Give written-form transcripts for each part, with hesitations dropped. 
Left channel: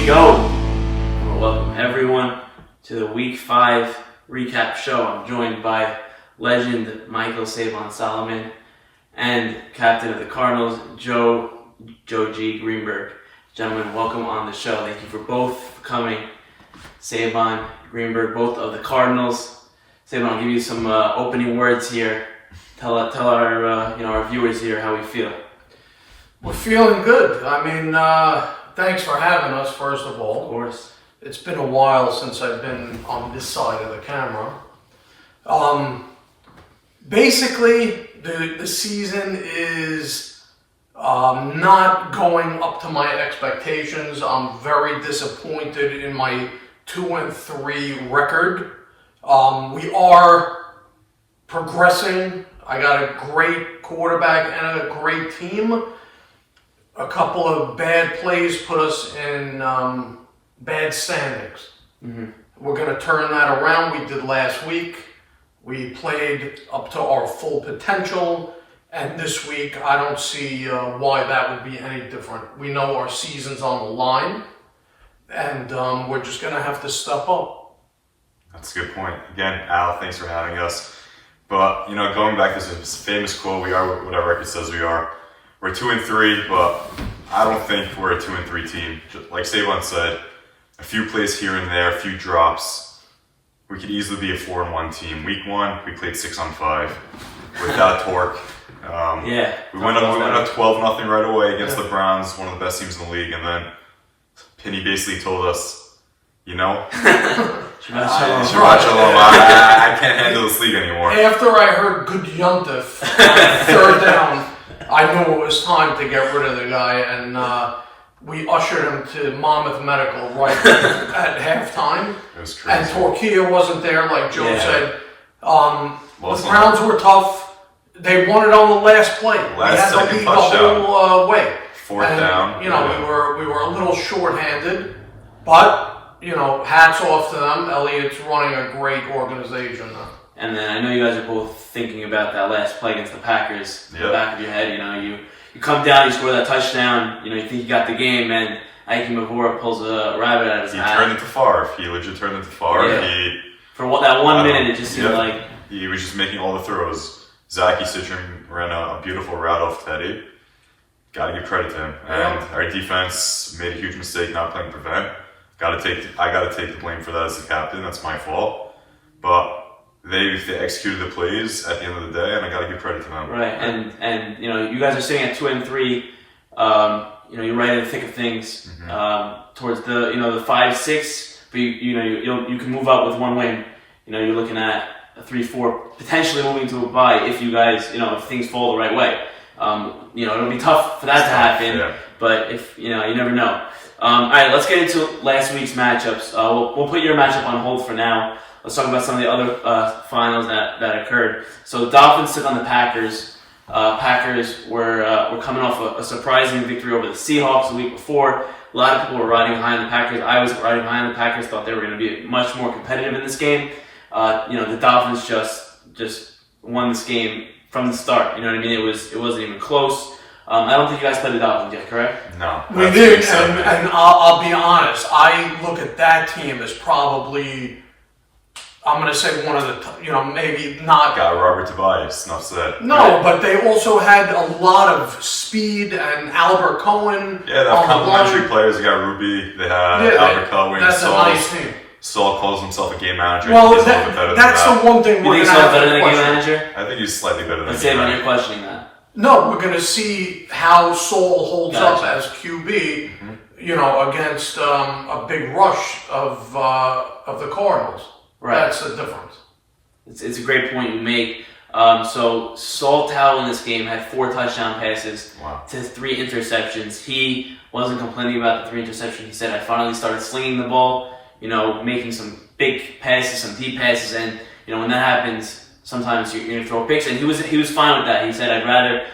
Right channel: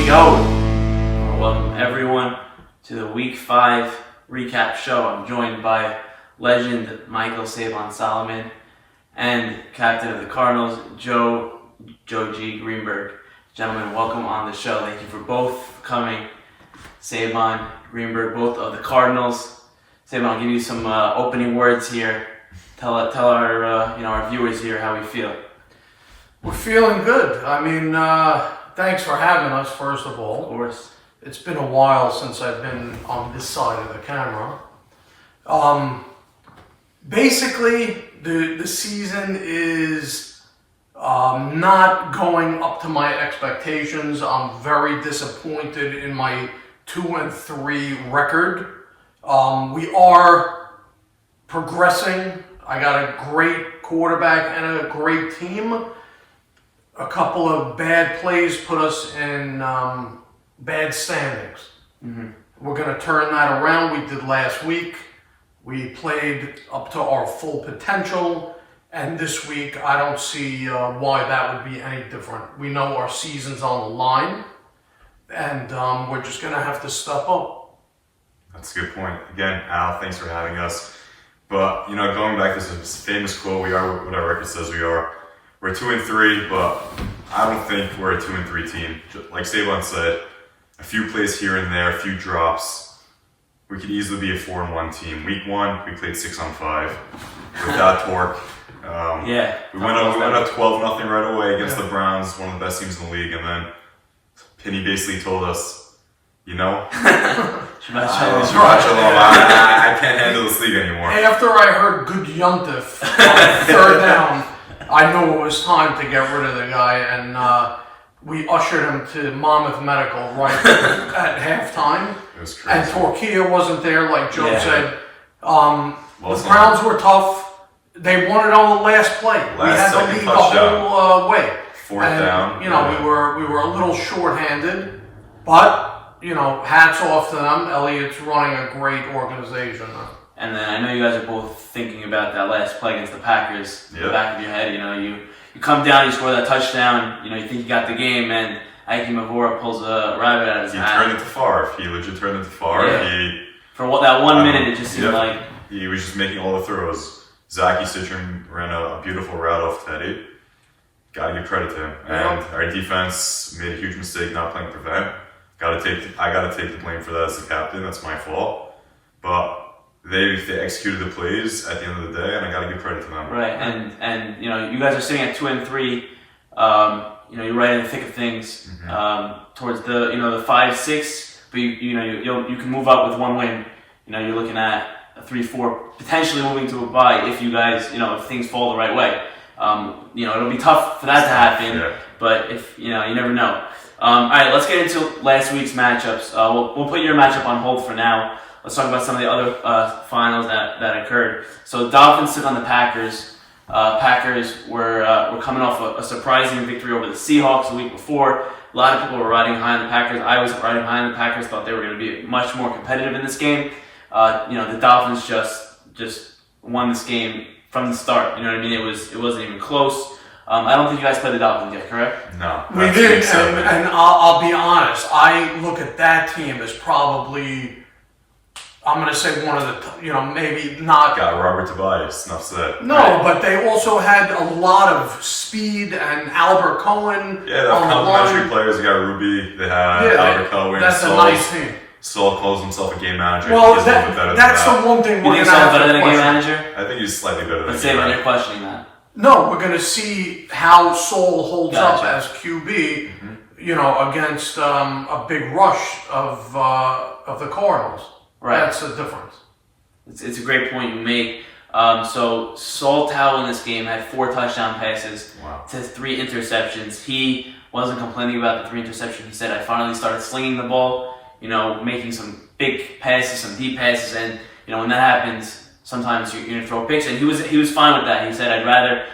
we go. Welcome everyone to the Week 5 recap show. I'm joined by legend Michael Sabon Solomon and captain of the Cardinals, Joe G. Greenberg. Gentlemen, welcome on the show. Thank you for both coming. Sabon, Greenberg, both of the Cardinals. Sabon, I'll give you some opening words here. Tell our our viewers here how we feel. We're feeling good. I mean, thanks for having us, first of all. Of course. It's been a while since I've been on this side of the camera. Basically, the season is not going up to my expectations. I'm very disappointed in my 2-3 record. We are progressing. I got a great quarterback and a great team. A couple of bad plays put us in bad standings. Mm-hmm. We're going to turn that around. We did last week. We played up to our full potential. And this week, I don't see why that would be any different. We know our season's on the line. And we're just going to have to step up. That's a good point. Again, Al, thanks for having us. But, going back to this famous quote, we are what our record says we are. We're 2-3, but I don't think we're a 2-3 team. Like Sabon said, a few plays here and there, a few drops. We could easily be a 4-1 team. Week 1, we played 6-5 without torque. We went up 12-0 right away against the Browns, one of the best teams in the league, and then Penny basically told us, Shabbat Shalom, I can't handle this league anymore. After I heard good yuntif on third down, I knew it was time to get rid of the guy, and we ushered him to Monmouth Medical right at halftime. It was crazy. And Torquilla wasn't there, like Joe said. The Browns were tough. They won it on the last play. We had to lead the whole way. Fourth down. We were a little short-handed, but hats off to them. Elliott's running a great organization. And then I know you guys are both thinking about that last play against the Packers. In the back of your head, you come down, you score that touchdown, you think you got the game, and Ike Mavora pulls a rabbit out of his hat. He turned into Favre. He legit turned into Favre. Yeah. For that 1 minute, it just seemed like... He was just making all the throws. Zachy Citron ran a beautiful route off Teddy. Got to give credit to him. And our defense made a huge mistake not playing prevent. I got to take the blame for that as the captain. That's my fault. But... They executed the plays at the end of the day, and I got to give credit to them. Right, and you guys are sitting at 2-3. You're right in the thick of things. Mm-hmm. Towards the 5-6, but you can move up with one win. You're looking at a 3-4, potentially moving to a bye if you guys if things fall the right way. It'll be tough for that to happen, but if you never know. All right, let's get into last week's matchups. We'll put your matchup on hold for now. Let's talk about some of the other finals that occurred. So the Dolphins took on the Packers. Packers were coming off a surprising victory over the Seahawks the week before. A lot of people were riding high on the Packers. I was riding high on the Packers. Thought they were going to be much more competitive in this game. The Dolphins just won this game from the start. You know what I mean? It wasn't even close. I don't think you guys played the Dolphins yet, correct? No. We did, and I'll be honest. I look at that team as probably... I'm going to say one of the, maybe not... Got Robert Tobias, enough said. No, but they also had a lot of speed and Albert Cohen. Yeah, they have complimentary players. They got Ruby, they have Albert Cohen. That's a nice team. Saul calls himself a game manager. Well, he's a little bit better that's than that. The one thing we're going to have to question. Game manager? I think he's slightly better than that. Let's say you're questioning that. No, we're going to see how Saul holds up as QB, against a big rush of the Cardinals. Right. That's the difference. It's a great point you make. So Saul Towell in this game had 4 touchdown passes to 3 interceptions. He wasn't complaining about the 3 interceptions. He said, I finally started slinging the ball, making some big passes, some deep passes. And, when that happens, sometimes you're going to throw picks. And he was fine with that. He said, I'd rather,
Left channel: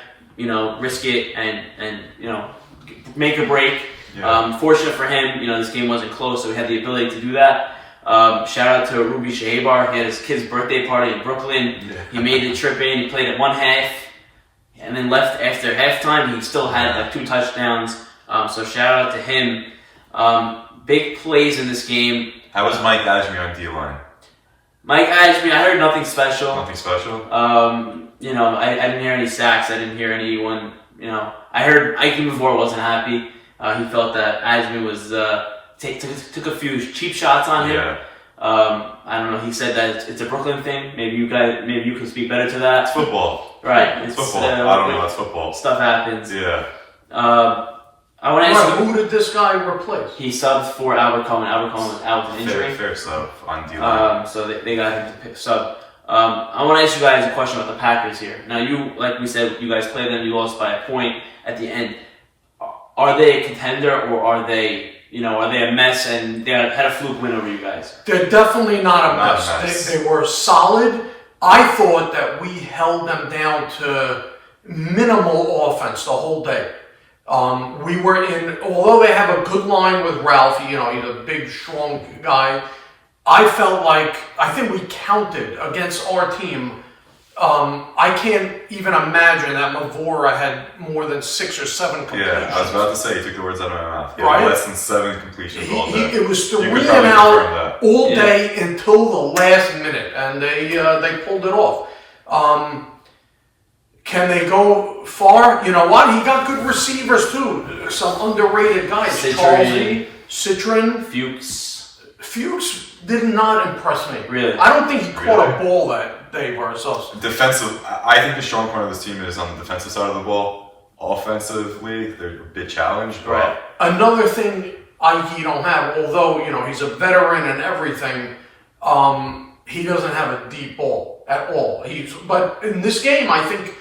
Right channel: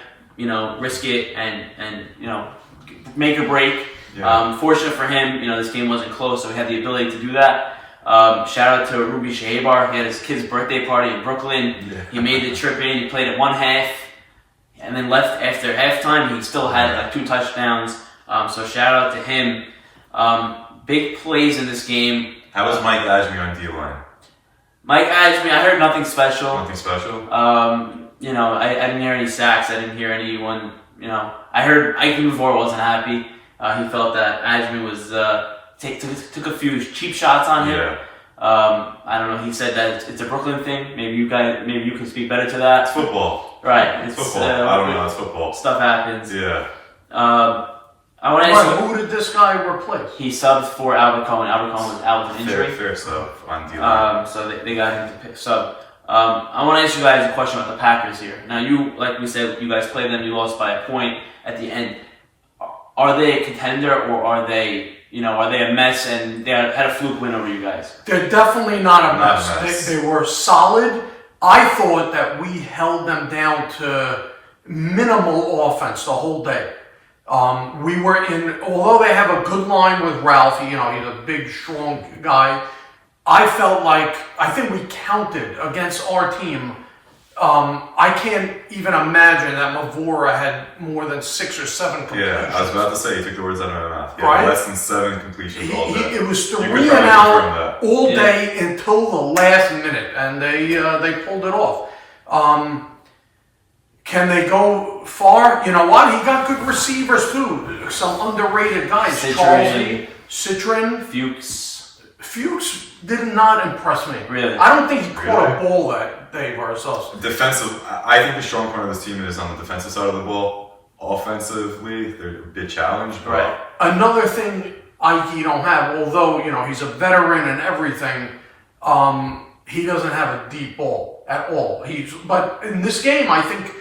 risk it and make a break. Yeah. Fortunate for him, this game wasn't close, so he had the ability to do that. Shout out to Ruby Shahabar. He had his kid's birthday party in Brooklyn. Yeah. He made the trip in. He played at 1 half. and then left after halftime. He still had like 2 touchdowns. So shout out to him. big plays in this game. How was Mike Ajmi on D-line? Mike Ashby, I heard nothing special. Nothing special? You know, I didn't hear any sacks. I didn't hear anyone. You know, I heard Ike Mavor wasn't happy. He felt that Ashby was took a few cheap shots on him. Yeah. I don't know. He said that it's a Brooklyn thing. Maybe you can speak better to that. It's football. Right. It's football. I don't know. It's football. Stuff happens. Yeah. I want to ask who did this guy replace? He subbed for Albert Cohen. Albert Cohen was out with an injury. Fair sub on D-line. So they got him to pick sub. I want to ask you guys a question about the Packers here. Now, you, like we said, you guys played them. You lost by a point at the end. Are they a contender, or are they a mess and they had a fluke win over you guys? They're definitely not a mess. They were solid. I thought that we held them down to minimal offense the whole day. We were although they have a good line with Ralph, he's a big, strong guy. I think we counted against our team. I can't even imagine that Mavora had more than 6 or 7 completions. Yeah, I was about to say, you took the words out of my mouth. Yeah, right? Less than 7 completions all day. It was 3 and out all day until the last minute, and they pulled it off. Can they go far? You know what? He got good receivers too. Some underrated guys. Citron. Fuchs did not impress me. Really? I don't think he caught a ball that day versus us. Defensive. I think the strong point of this team is on the defensive side of the ball. Offensively, they're a bit challenged. Right. Another thing he don't have, although he's a veteran and everything, he doesn't have a deep ball at all. But in this game, I think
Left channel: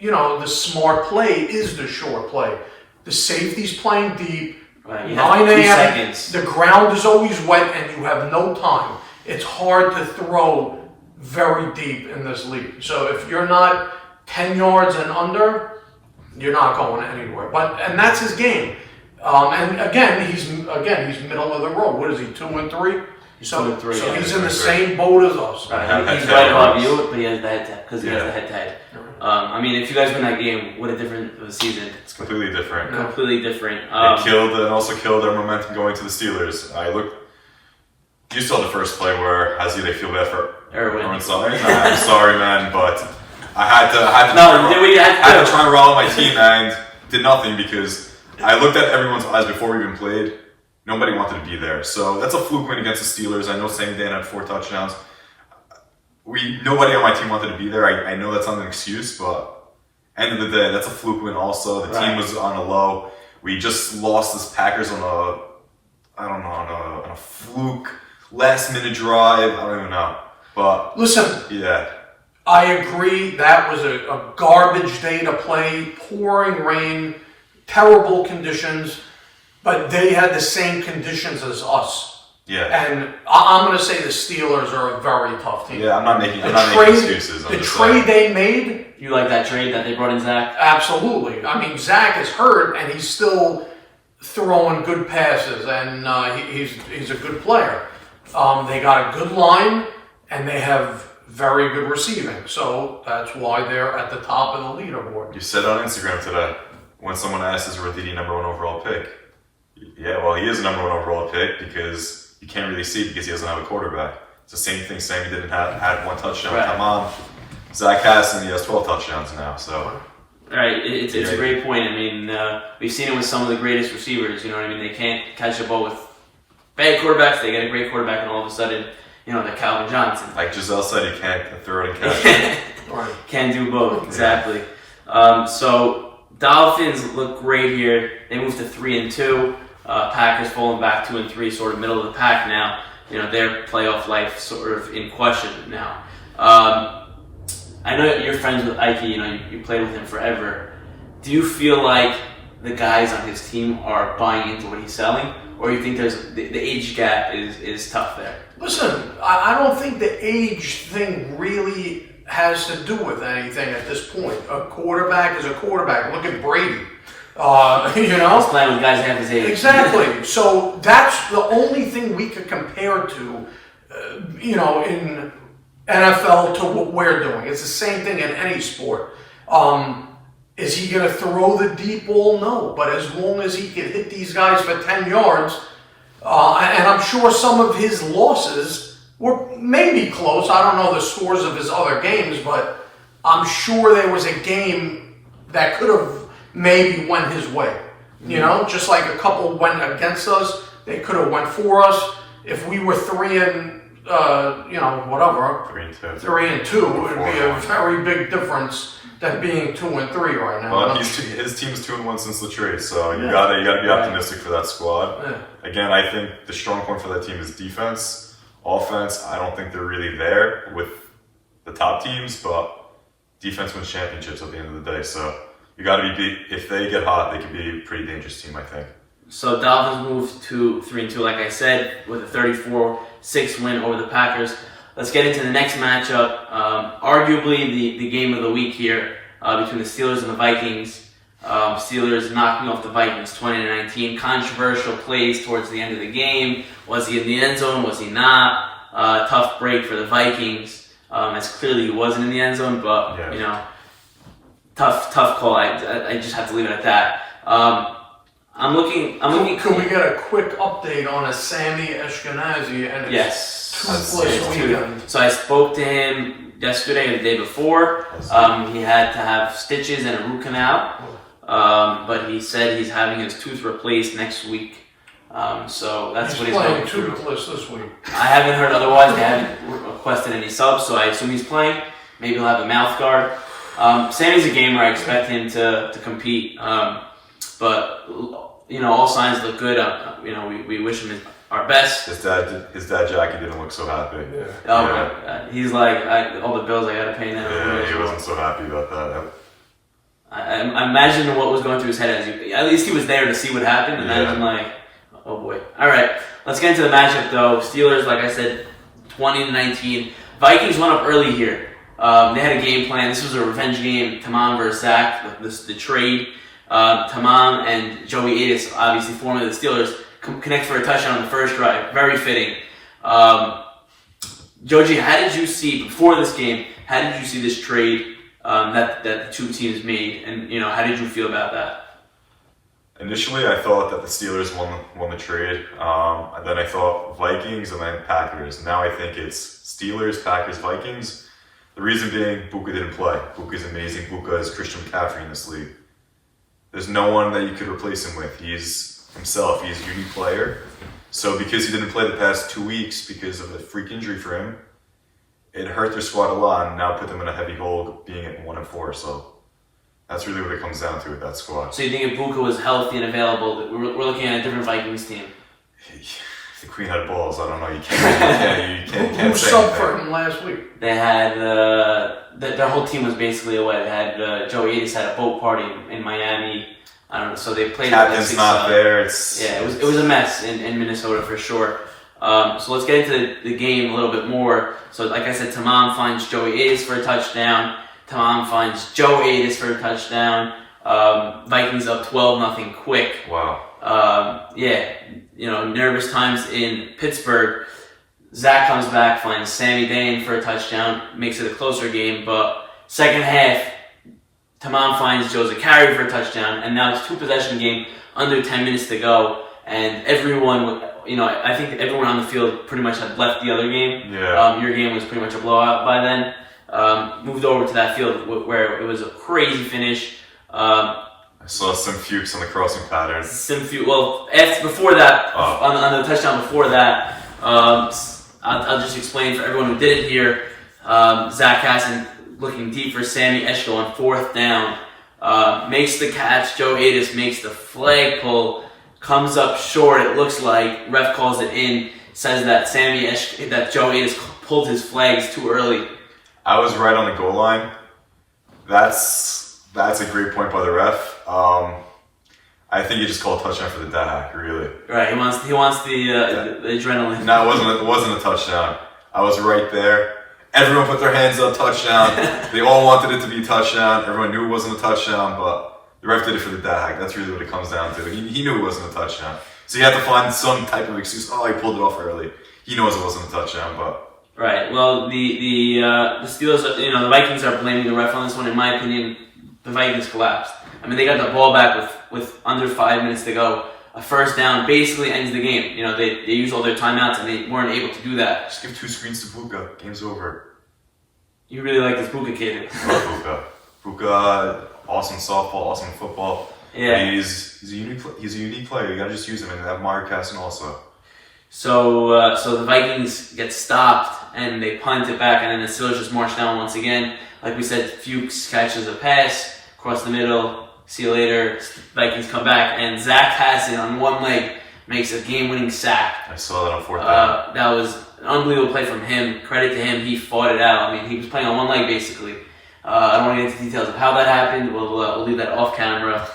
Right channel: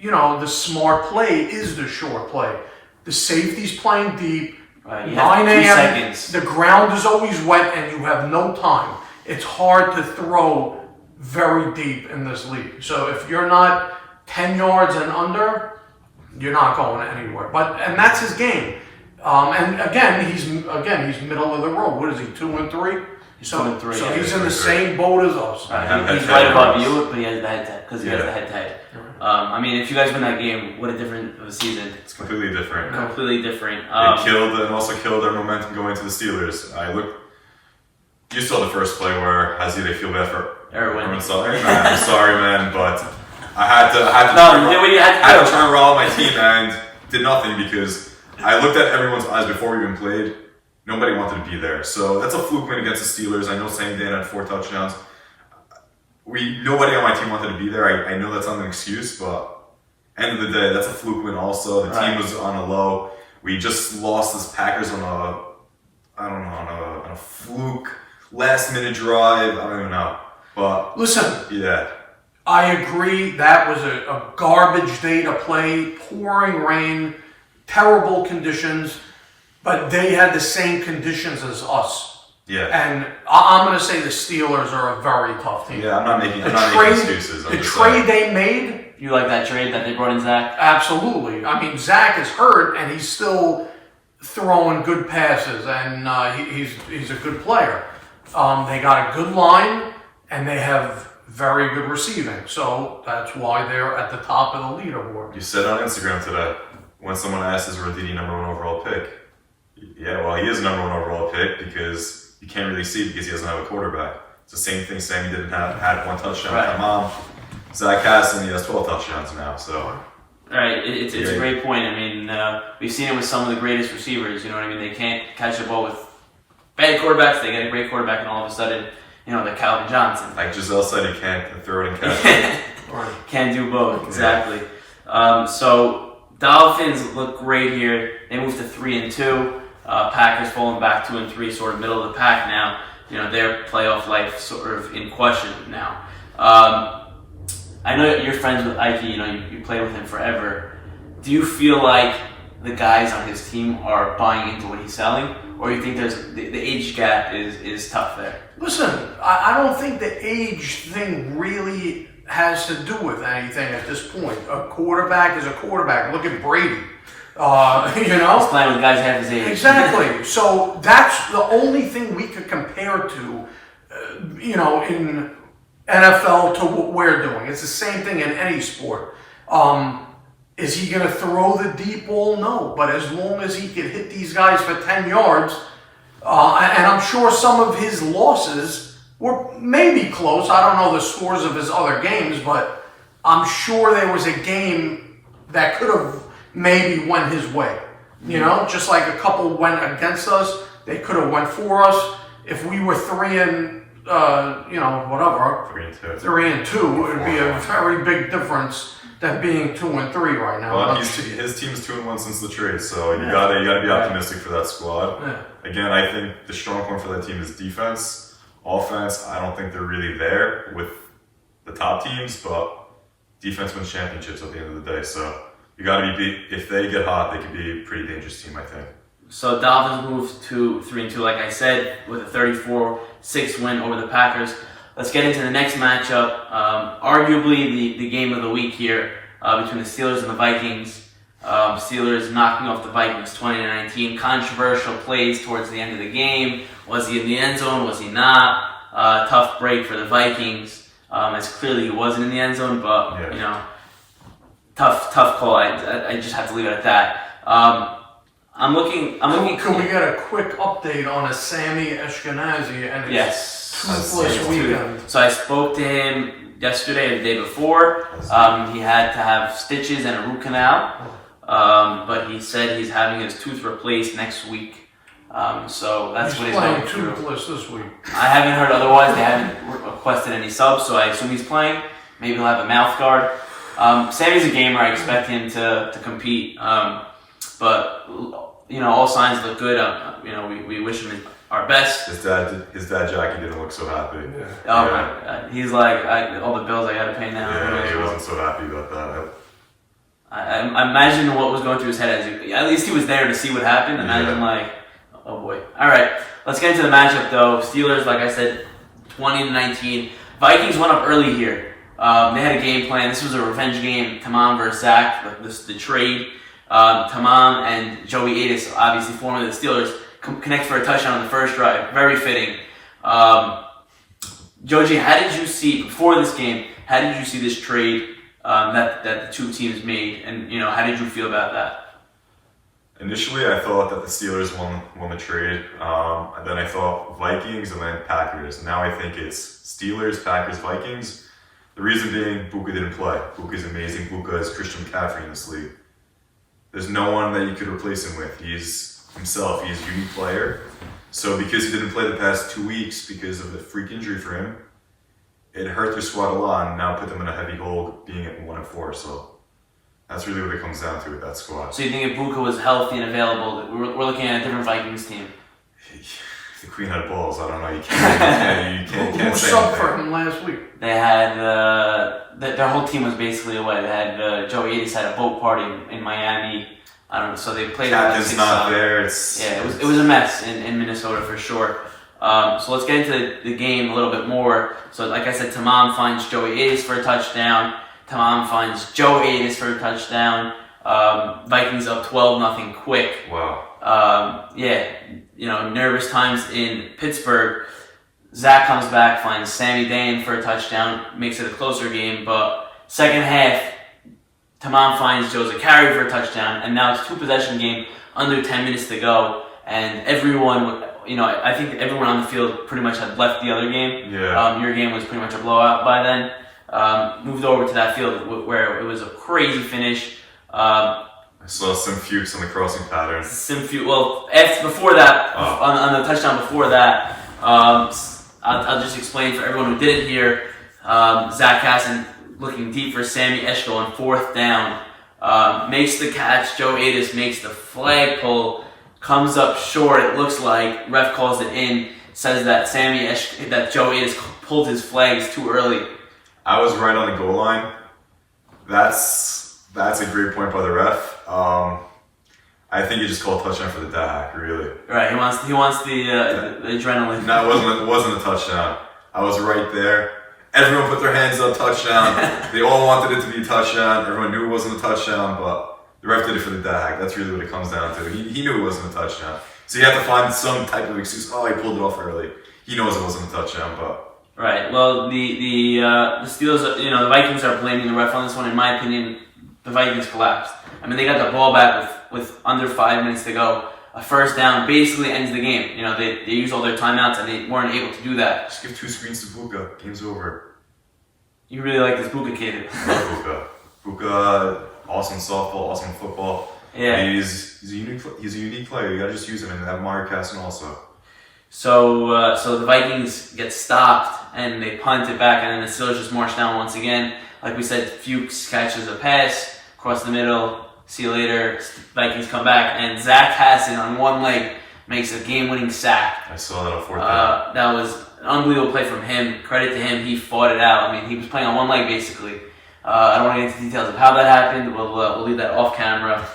the smart play is the short play. The safety's playing deep. 9 a.m. The ground is always wet, and you have no time. It's hard to throw very deep in this league. So if you're not 10 yards and under, you're not going anywhere. And that's his game. And again, he's middle of the road. What is he? 2 and 3. So he's in the same boat as us. He's right above you, but he has the head because he has the head tight. I mean, if you guys win that game, what a different of a season. It's completely different. Completely different. It also killed their momentum going to the Steelers. You saw the first play where they feel bad for Erwin. I'm sorry, man, but I had to try and rally my team and did nothing because I looked at everyone's eyes before we even played. Nobody wanted to be there. So that's a fluke win against the Steelers. I know same day had 4 touchdowns. Nobody on my team wanted to be there. I know that's not an excuse, but end of the day, that's a fluke win also. The team was on a low. We just lost this Packers on a fluke last minute drive. I don't even know. But listen, yeah. I agree that was a garbage day to play, pouring rain, terrible conditions. But they had the same conditions as us. Yeah. And I'm going to say the Steelers are a very tough team. Yeah, I'm not making excuses. The trade they made. You like that trade that they brought in Zach? Absolutely. I mean, Zach is hurt, and he's still throwing good passes, and he's a good player. They got a good line, and they have very good receiving. So that's why they're at the top of the leaderboard. You said on Instagram today, when someone asked, is Roditi number 1 overall pick? Yeah, well, he is the number 1 overall pick because you can't really see because he doesn't have a quarterback. It's the same thing Sammy didn't had 1 touchdown with Hamam. Zach Hassan, he has 12 touchdowns now. So, right, it's a great point. I mean, we've seen it with some of the greatest receivers. You know what I mean? They can't catch the ball with bad quarterbacks. They get a great quarterback, and all of a sudden, they're Calvin Johnson. Like Giselle said, he can't throw it and catch it. Can do both, exactly. So Dolphins look great here. They moved to 3 and 2. Packers falling back 2 and 3, sort of middle of the pack now. Their playoff life sort of in question now. I know you're friends with Ike. You played with him forever. Do you feel like the guys on his team are buying into what he's selling, or you think there's the age gap is tough there? Listen, I don't think the age thing really has to do with anything at this point. A quarterback is a quarterback. Look at Brady. He's playing with guys half his age. Exactly. So that's the only thing we could compare to, in NFL to what we're doing. It's the same thing in any sport. Is he going to throw the deep ball? No. But as long as he can hit these guys for 10 yards, And I'm sure some of his losses were maybe close. I don't know the scores of his other games, but I'm sure there was a game that could have maybe went his way. You know, just like a couple went against us, they could have went for us. If we were 3 and whatever, 3 and 2, it would be a very big difference than being 2 and 3 right now. Well, his team's 2-1 since the trade, so you gotta be optimistic for that squad. Yeah. Again, I think the strong point for that team is defense. Offense, I don't think they're really there with the top teams, but defense wins championships at the end of the day. So you gotta be, if they get hot, they could be a pretty dangerous team, I think. So Dolphins moved to 3-2, like I said, with a 34-6 win over the Packers. Let's get into the next matchup. Arguably the game of the week here between the Steelers and the Vikings. Steelers knocking off the Vikings 20-19. Controversial plays towards the end of the game. Was he in the end zone? Was he not? Tough break for the Vikings. As clearly he wasn't in the end zone, but tough call. I just have to leave it at that. I'm looking. Could we get a quick update on a Sammy Ashkenazi and his toothless weekend? So I spoke to him yesterday and the day before. He had to have stitches and a root canal, but he said he's having his tooth replaced next week. So that's what he's going through. Toothless this week. I haven't heard otherwise. They haven't requested any subs, so I assume he's playing. Maybe he'll have a mouth guard. Sammy's a gamer. I expect him to compete. But all signs look good. We wish him our best. His dad Jackie didn't look so happy. Yeah. Oh my God. He's like, all the bills I gotta pay now. Yeah, he wasn't so happy about that. I imagine what was going through his head. At least he was there to see what happened. Imagine oh boy. All right, let's get into the matchup though. Steelers, like I said, 20-19. Vikings went up early here. They had a game plan. This was a revenge game. Tamam versus Zach. The trade. Tamam and Joey Atis, obviously formerly the Steelers, connect for a touchdown on the first drive. Very fitting. Joji, how did you see, before this game, how did you see this trade that the two teams made, and how did you feel about that? Initially, I thought that the Steelers won the trade, and then I thought Vikings and then Packers. Now I think it's Steelers, Packers, Vikings. The reason being, Buka didn't play. Buka's amazing. Buka is Christian McCaffrey in this league. There's no one that you could replace him with. He's himself. He's a unique player. So because he didn't play the past 2 weeks because of the freak injury for him, it hurt their squad a lot and now put them in a heavy hole being at 1-4. So that's really what it comes down to with that squad. So you think if Buka was healthy and available, we're looking at a different Vikings team? The Queen had balls. I don't know. You can't Who say subbed for him last week? They had their whole team was basically away. They had Joey Atis had a boat party in Miami. I don't know. So they played. Captain's not there. It was a mess in Minnesota for sure. So let's get into the game a little bit more. So like I said, Tamam finds Joey Atis for a touchdown. Tamam finds Joe Atis for a touchdown. Vikings up 12-0 quick. Wow. Nervous times in Pittsburgh. Zach comes back, finds Sammy Dan for a touchdown, makes it a closer game. But second half, Tamam finds Joe Zachary for a touchdown, and now it's 2-possession game, under 10 minutes to go, and everyone, I think everyone on the field pretty much had left the other game. Yeah. Your game was pretty much a blowout by then. Moved over to that field where it was a crazy finish. I saw some Fuchs on the crossing pattern. Before that, on the touchdown before that, I'll just explain for everyone who didn't hear. Zach Hassan looking deep for Sammy Eshko on 4th down, makes the catch. Joe Atis makes the flag pull, comes up short. It looks like ref calls it in. Says that that Joe Atis pulled his flags too early. I was right on the goal line. That's a great point by the ref. I think he just called a touchdown for the Dak, really. Right, he wants the adrenaline. No, it wasn't a touchdown. I was right there. Everyone put their hands up, touchdown. They all wanted it to be a touchdown. Everyone knew it wasn't a touchdown, but the ref did it for the Dak. That's really what it comes down to. He knew it wasn't a touchdown. So you have to find some type of excuse. Oh, he pulled it off early. He knows it wasn't a touchdown, but... Right, well, the Steelers, the Vikings are blaming the ref on this one. In my opinion, the Vikings collapsed. I mean, they got the ball back with under 5 minutes to go. a first down basically ends the game. You know, they use all their timeouts and they weren't able to do that. Just give 2 screens to Buka. Game's over. You really like this Buka kid. I love Buka. Buka, awesome softball, awesome football. Yeah. He's a unique player. You gotta just use him, and have Mario Casson also. So the Vikings get stopped and they punt it back, and then the Steelers just march down once again. Like we said, Fuchs catches a pass across the middle. See you later. Vikings come back, and Zach Hassan on one leg makes a game-winning sack. I saw that on 4th down. That was an unbelievable play from him. Credit to him, he fought it out. I mean, he was playing on one leg basically. I don't want to get into details of how that happened. We'll leave that off camera.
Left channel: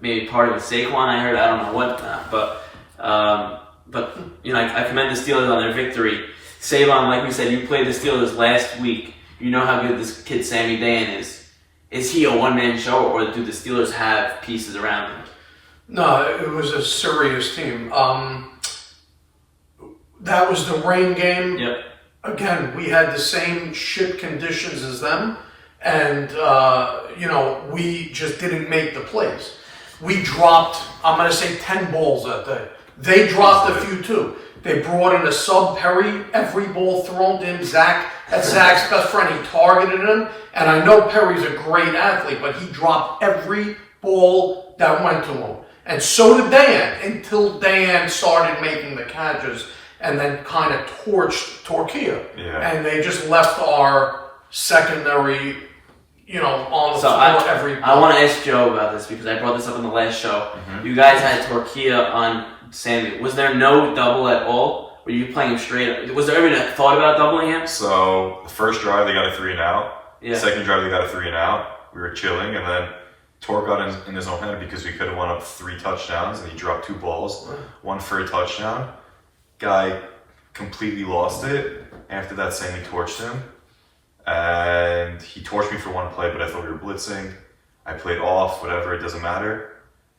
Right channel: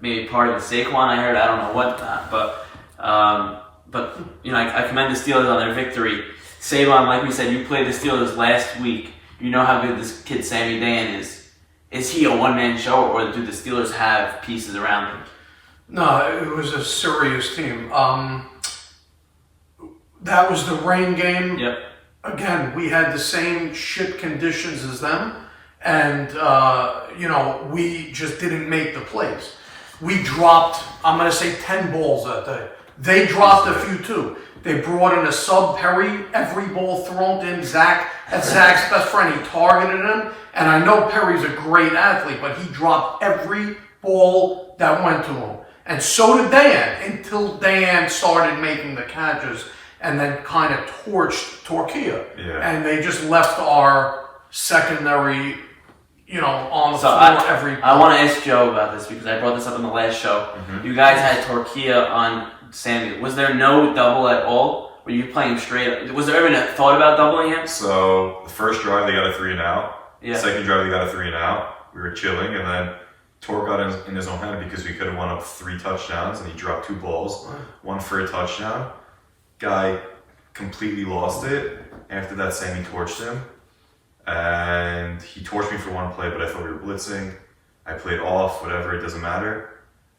Maybe part of it Saquon, I heard. I don't know what, but you know, I commend the Steelers on their victory. Savon, like we said, you played the Steelers last week. You know how good this kid Sammy Dan is. Is he a one-man show, or do the Steelers have pieces around him? No, it was a serious team. That was the rain game. Yep. Again, we had the same shit conditions as them, and you know, we just didn't make the plays. We dropped, I'm going to say, 10 balls that day. They dropped a few too. They brought in a sub Perry, every ball thrown in. That's Zach's best friend. He targeted him, and I know Perry's a great athlete, but he dropped every ball that went to him. And so did Dan, until Dan started making the catches and then kind of torched Torquilla. Yeah. And they just left our secondary, you know, on the floor every I want to ask Joe about this because I brought this up in the last show. Mm-hmm. You guys had Torquilla on Sammy. Was there no double at all? Were you playing straight? Was there ever a thought about doubling him? So the first drive they got a 3 and out. Yeah. The second drive they got a 3 and out. We were chilling, and then Torque got in his own head because we could have won up 3 touchdowns, and he dropped 2 balls, one for a touchdown. Guy completely lost it. After that, Sammy torched him, and he torched me for one play, but I thought we were blitzing. I played off, whatever, it doesn't matter.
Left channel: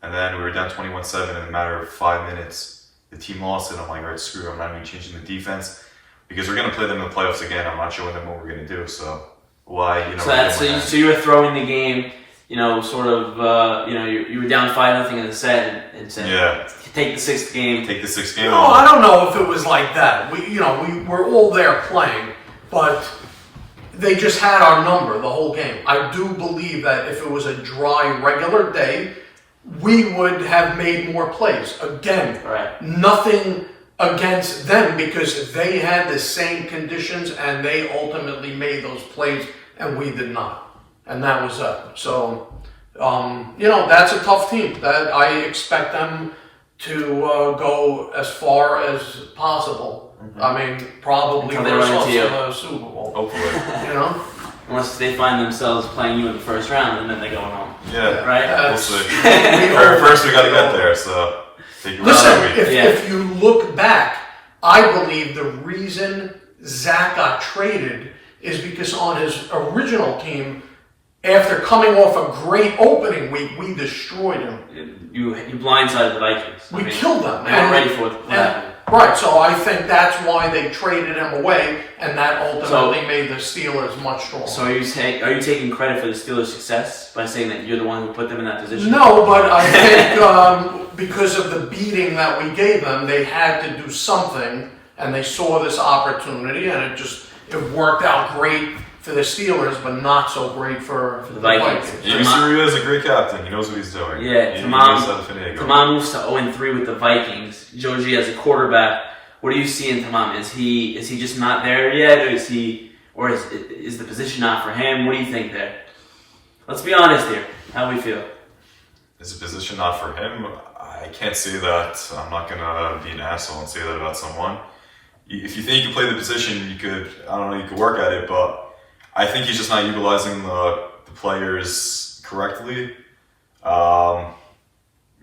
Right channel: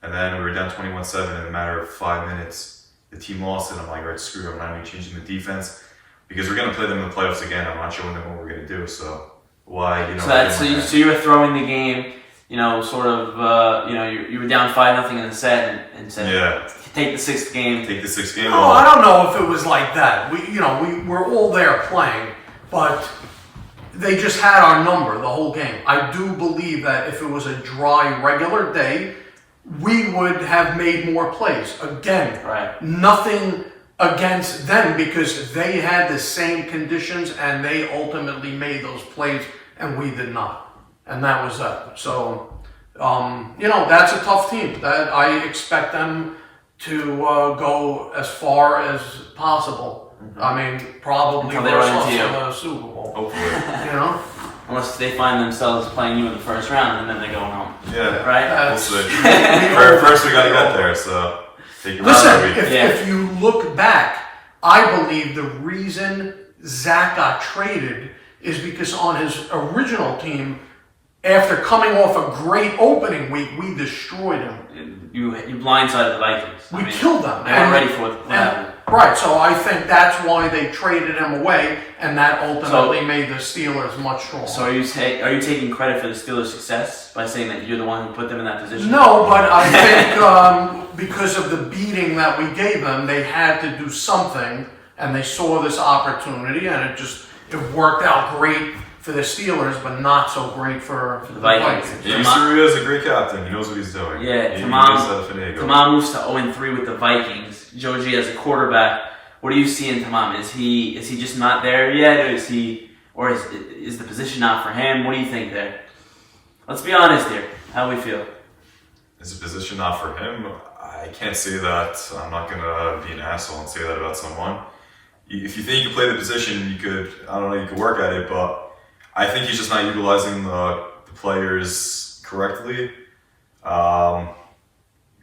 And then we were down 21-7 in a matter of 5 minutes. The team lost it. I'm like, all right, screw it. I'm not even changing the defense because we're going to play them in the playoffs again. I'm not showing them what we're going to do. So why, you know? So you were throwing the game, you know, sort of, you know, you were down 5-0 in the set and said, yeah, take the 6th game. Take the 6th game. No, I don't know if it was like that. We were all there playing, but they just had our number the whole game. I do believe that if it was a dry, regular day, we would have made more plays. Again, nothing against them because they had the same conditions and they ultimately made those plays and we did not. And that was that. So, you know, that's a tough team. That I expect them to go as far as possible. Mm-hmm. I mean, probably versus us in the Super Bowl. Hopefully. You know? Unless they find themselves playing you in the first round and then they go home. Yeah. Right? We'll see. First we got to get there, so take listen, if you look back, I believe the reason Zach got traded is because on his original team, after coming off a great opening week, we destroyed him. You blindsided the Vikings. We killed them. They weren't ready for what happened. Right, so I think that's why they traded him away, and that ultimately made the Steelers much stronger. So are you taking credit for the Steelers' success by saying that you're the one who put them in that position? No, but I think because of the beating that we gave them, they had to do something, and they saw this opportunity, and it worked out great for the Steelers, but not so great for the Vikings. Yusuru is a great captain. He knows what he's doing. Yeah, Tamam moves to 0-3 with the Vikings. Joji as a quarterback. What do you see in Tamam? Is he just not there yet, or is the position not for him? What do you think there? Let's be honest here. How do we feel? Is the position not for him? I can't say that. I'm not gonna be an asshole and say that about someone. If you think you can play the position, you could work at it, but I think he's just not utilizing the players correctly. I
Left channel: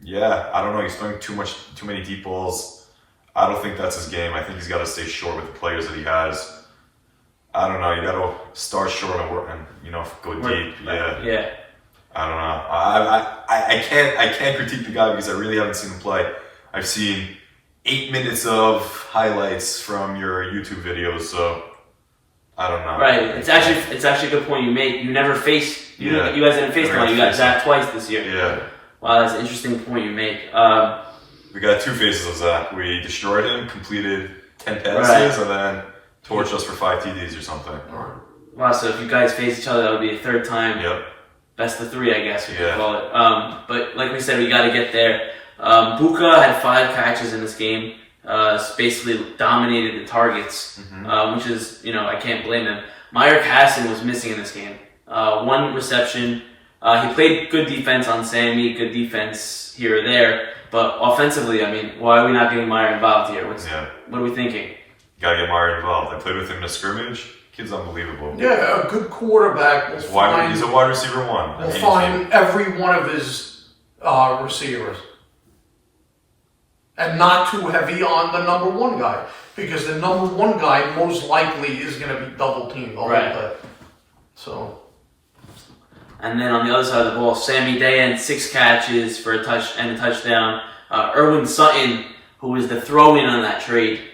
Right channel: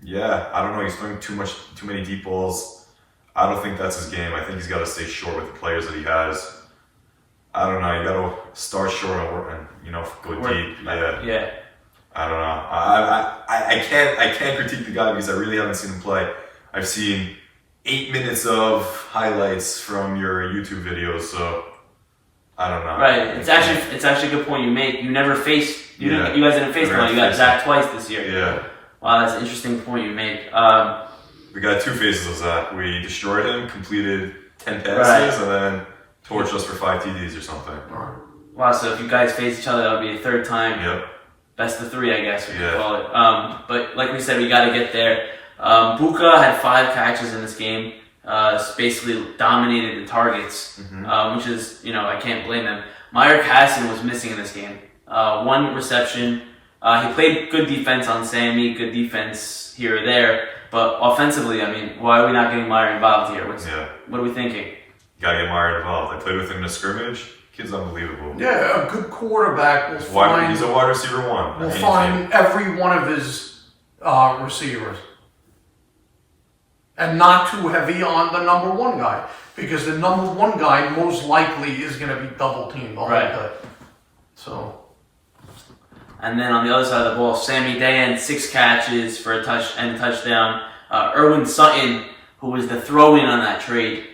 don't know. He's throwing too many deep balls. I don't think that's his game. I think he's got to stay short with the players that he has. I don't know. You got to start short and go deep. Yeah. I don't know. I can't critique the guy because I really haven't seen him play. I've seen 8 minutes of highlights from your YouTube videos, so. I don't know. Right. It's actually a good point you make. You never faced. You guys didn't face him. You got Zach twice this year. Yeah. Wow, that's an interesting point you make. We got two phases of Zach. We destroyed him, completed 10 passes, and then torched us for 5 TDs or something. Wow, so if you guys face each other, that would be a third time. Yep. Best of 3, I guess we could call it. But like we said, we got to get there. Buka had 5 catches in this game. Basically dominated the targets, which is, I can't blame them. Meyer Casson was missing in this game. 1 reception. He played good defense on Sammy, good defense here or there. But offensively, why are we not getting Meyer involved here? What are we thinking? Gotta get Meyer involved. I played with him in a scrimmage. Kid's unbelievable. Yeah, a good quarterback. He's a wide receiver 1. We'll find every one of his receivers. And not too heavy on the number 1 guy. Because the number 1 guy most likely is going to be double teamed the whole day. So. And then on the other side of the ball, Sammy Dayan, 6 catches for a touchdown. Erwin Sutton, who was the throw-in on that trade.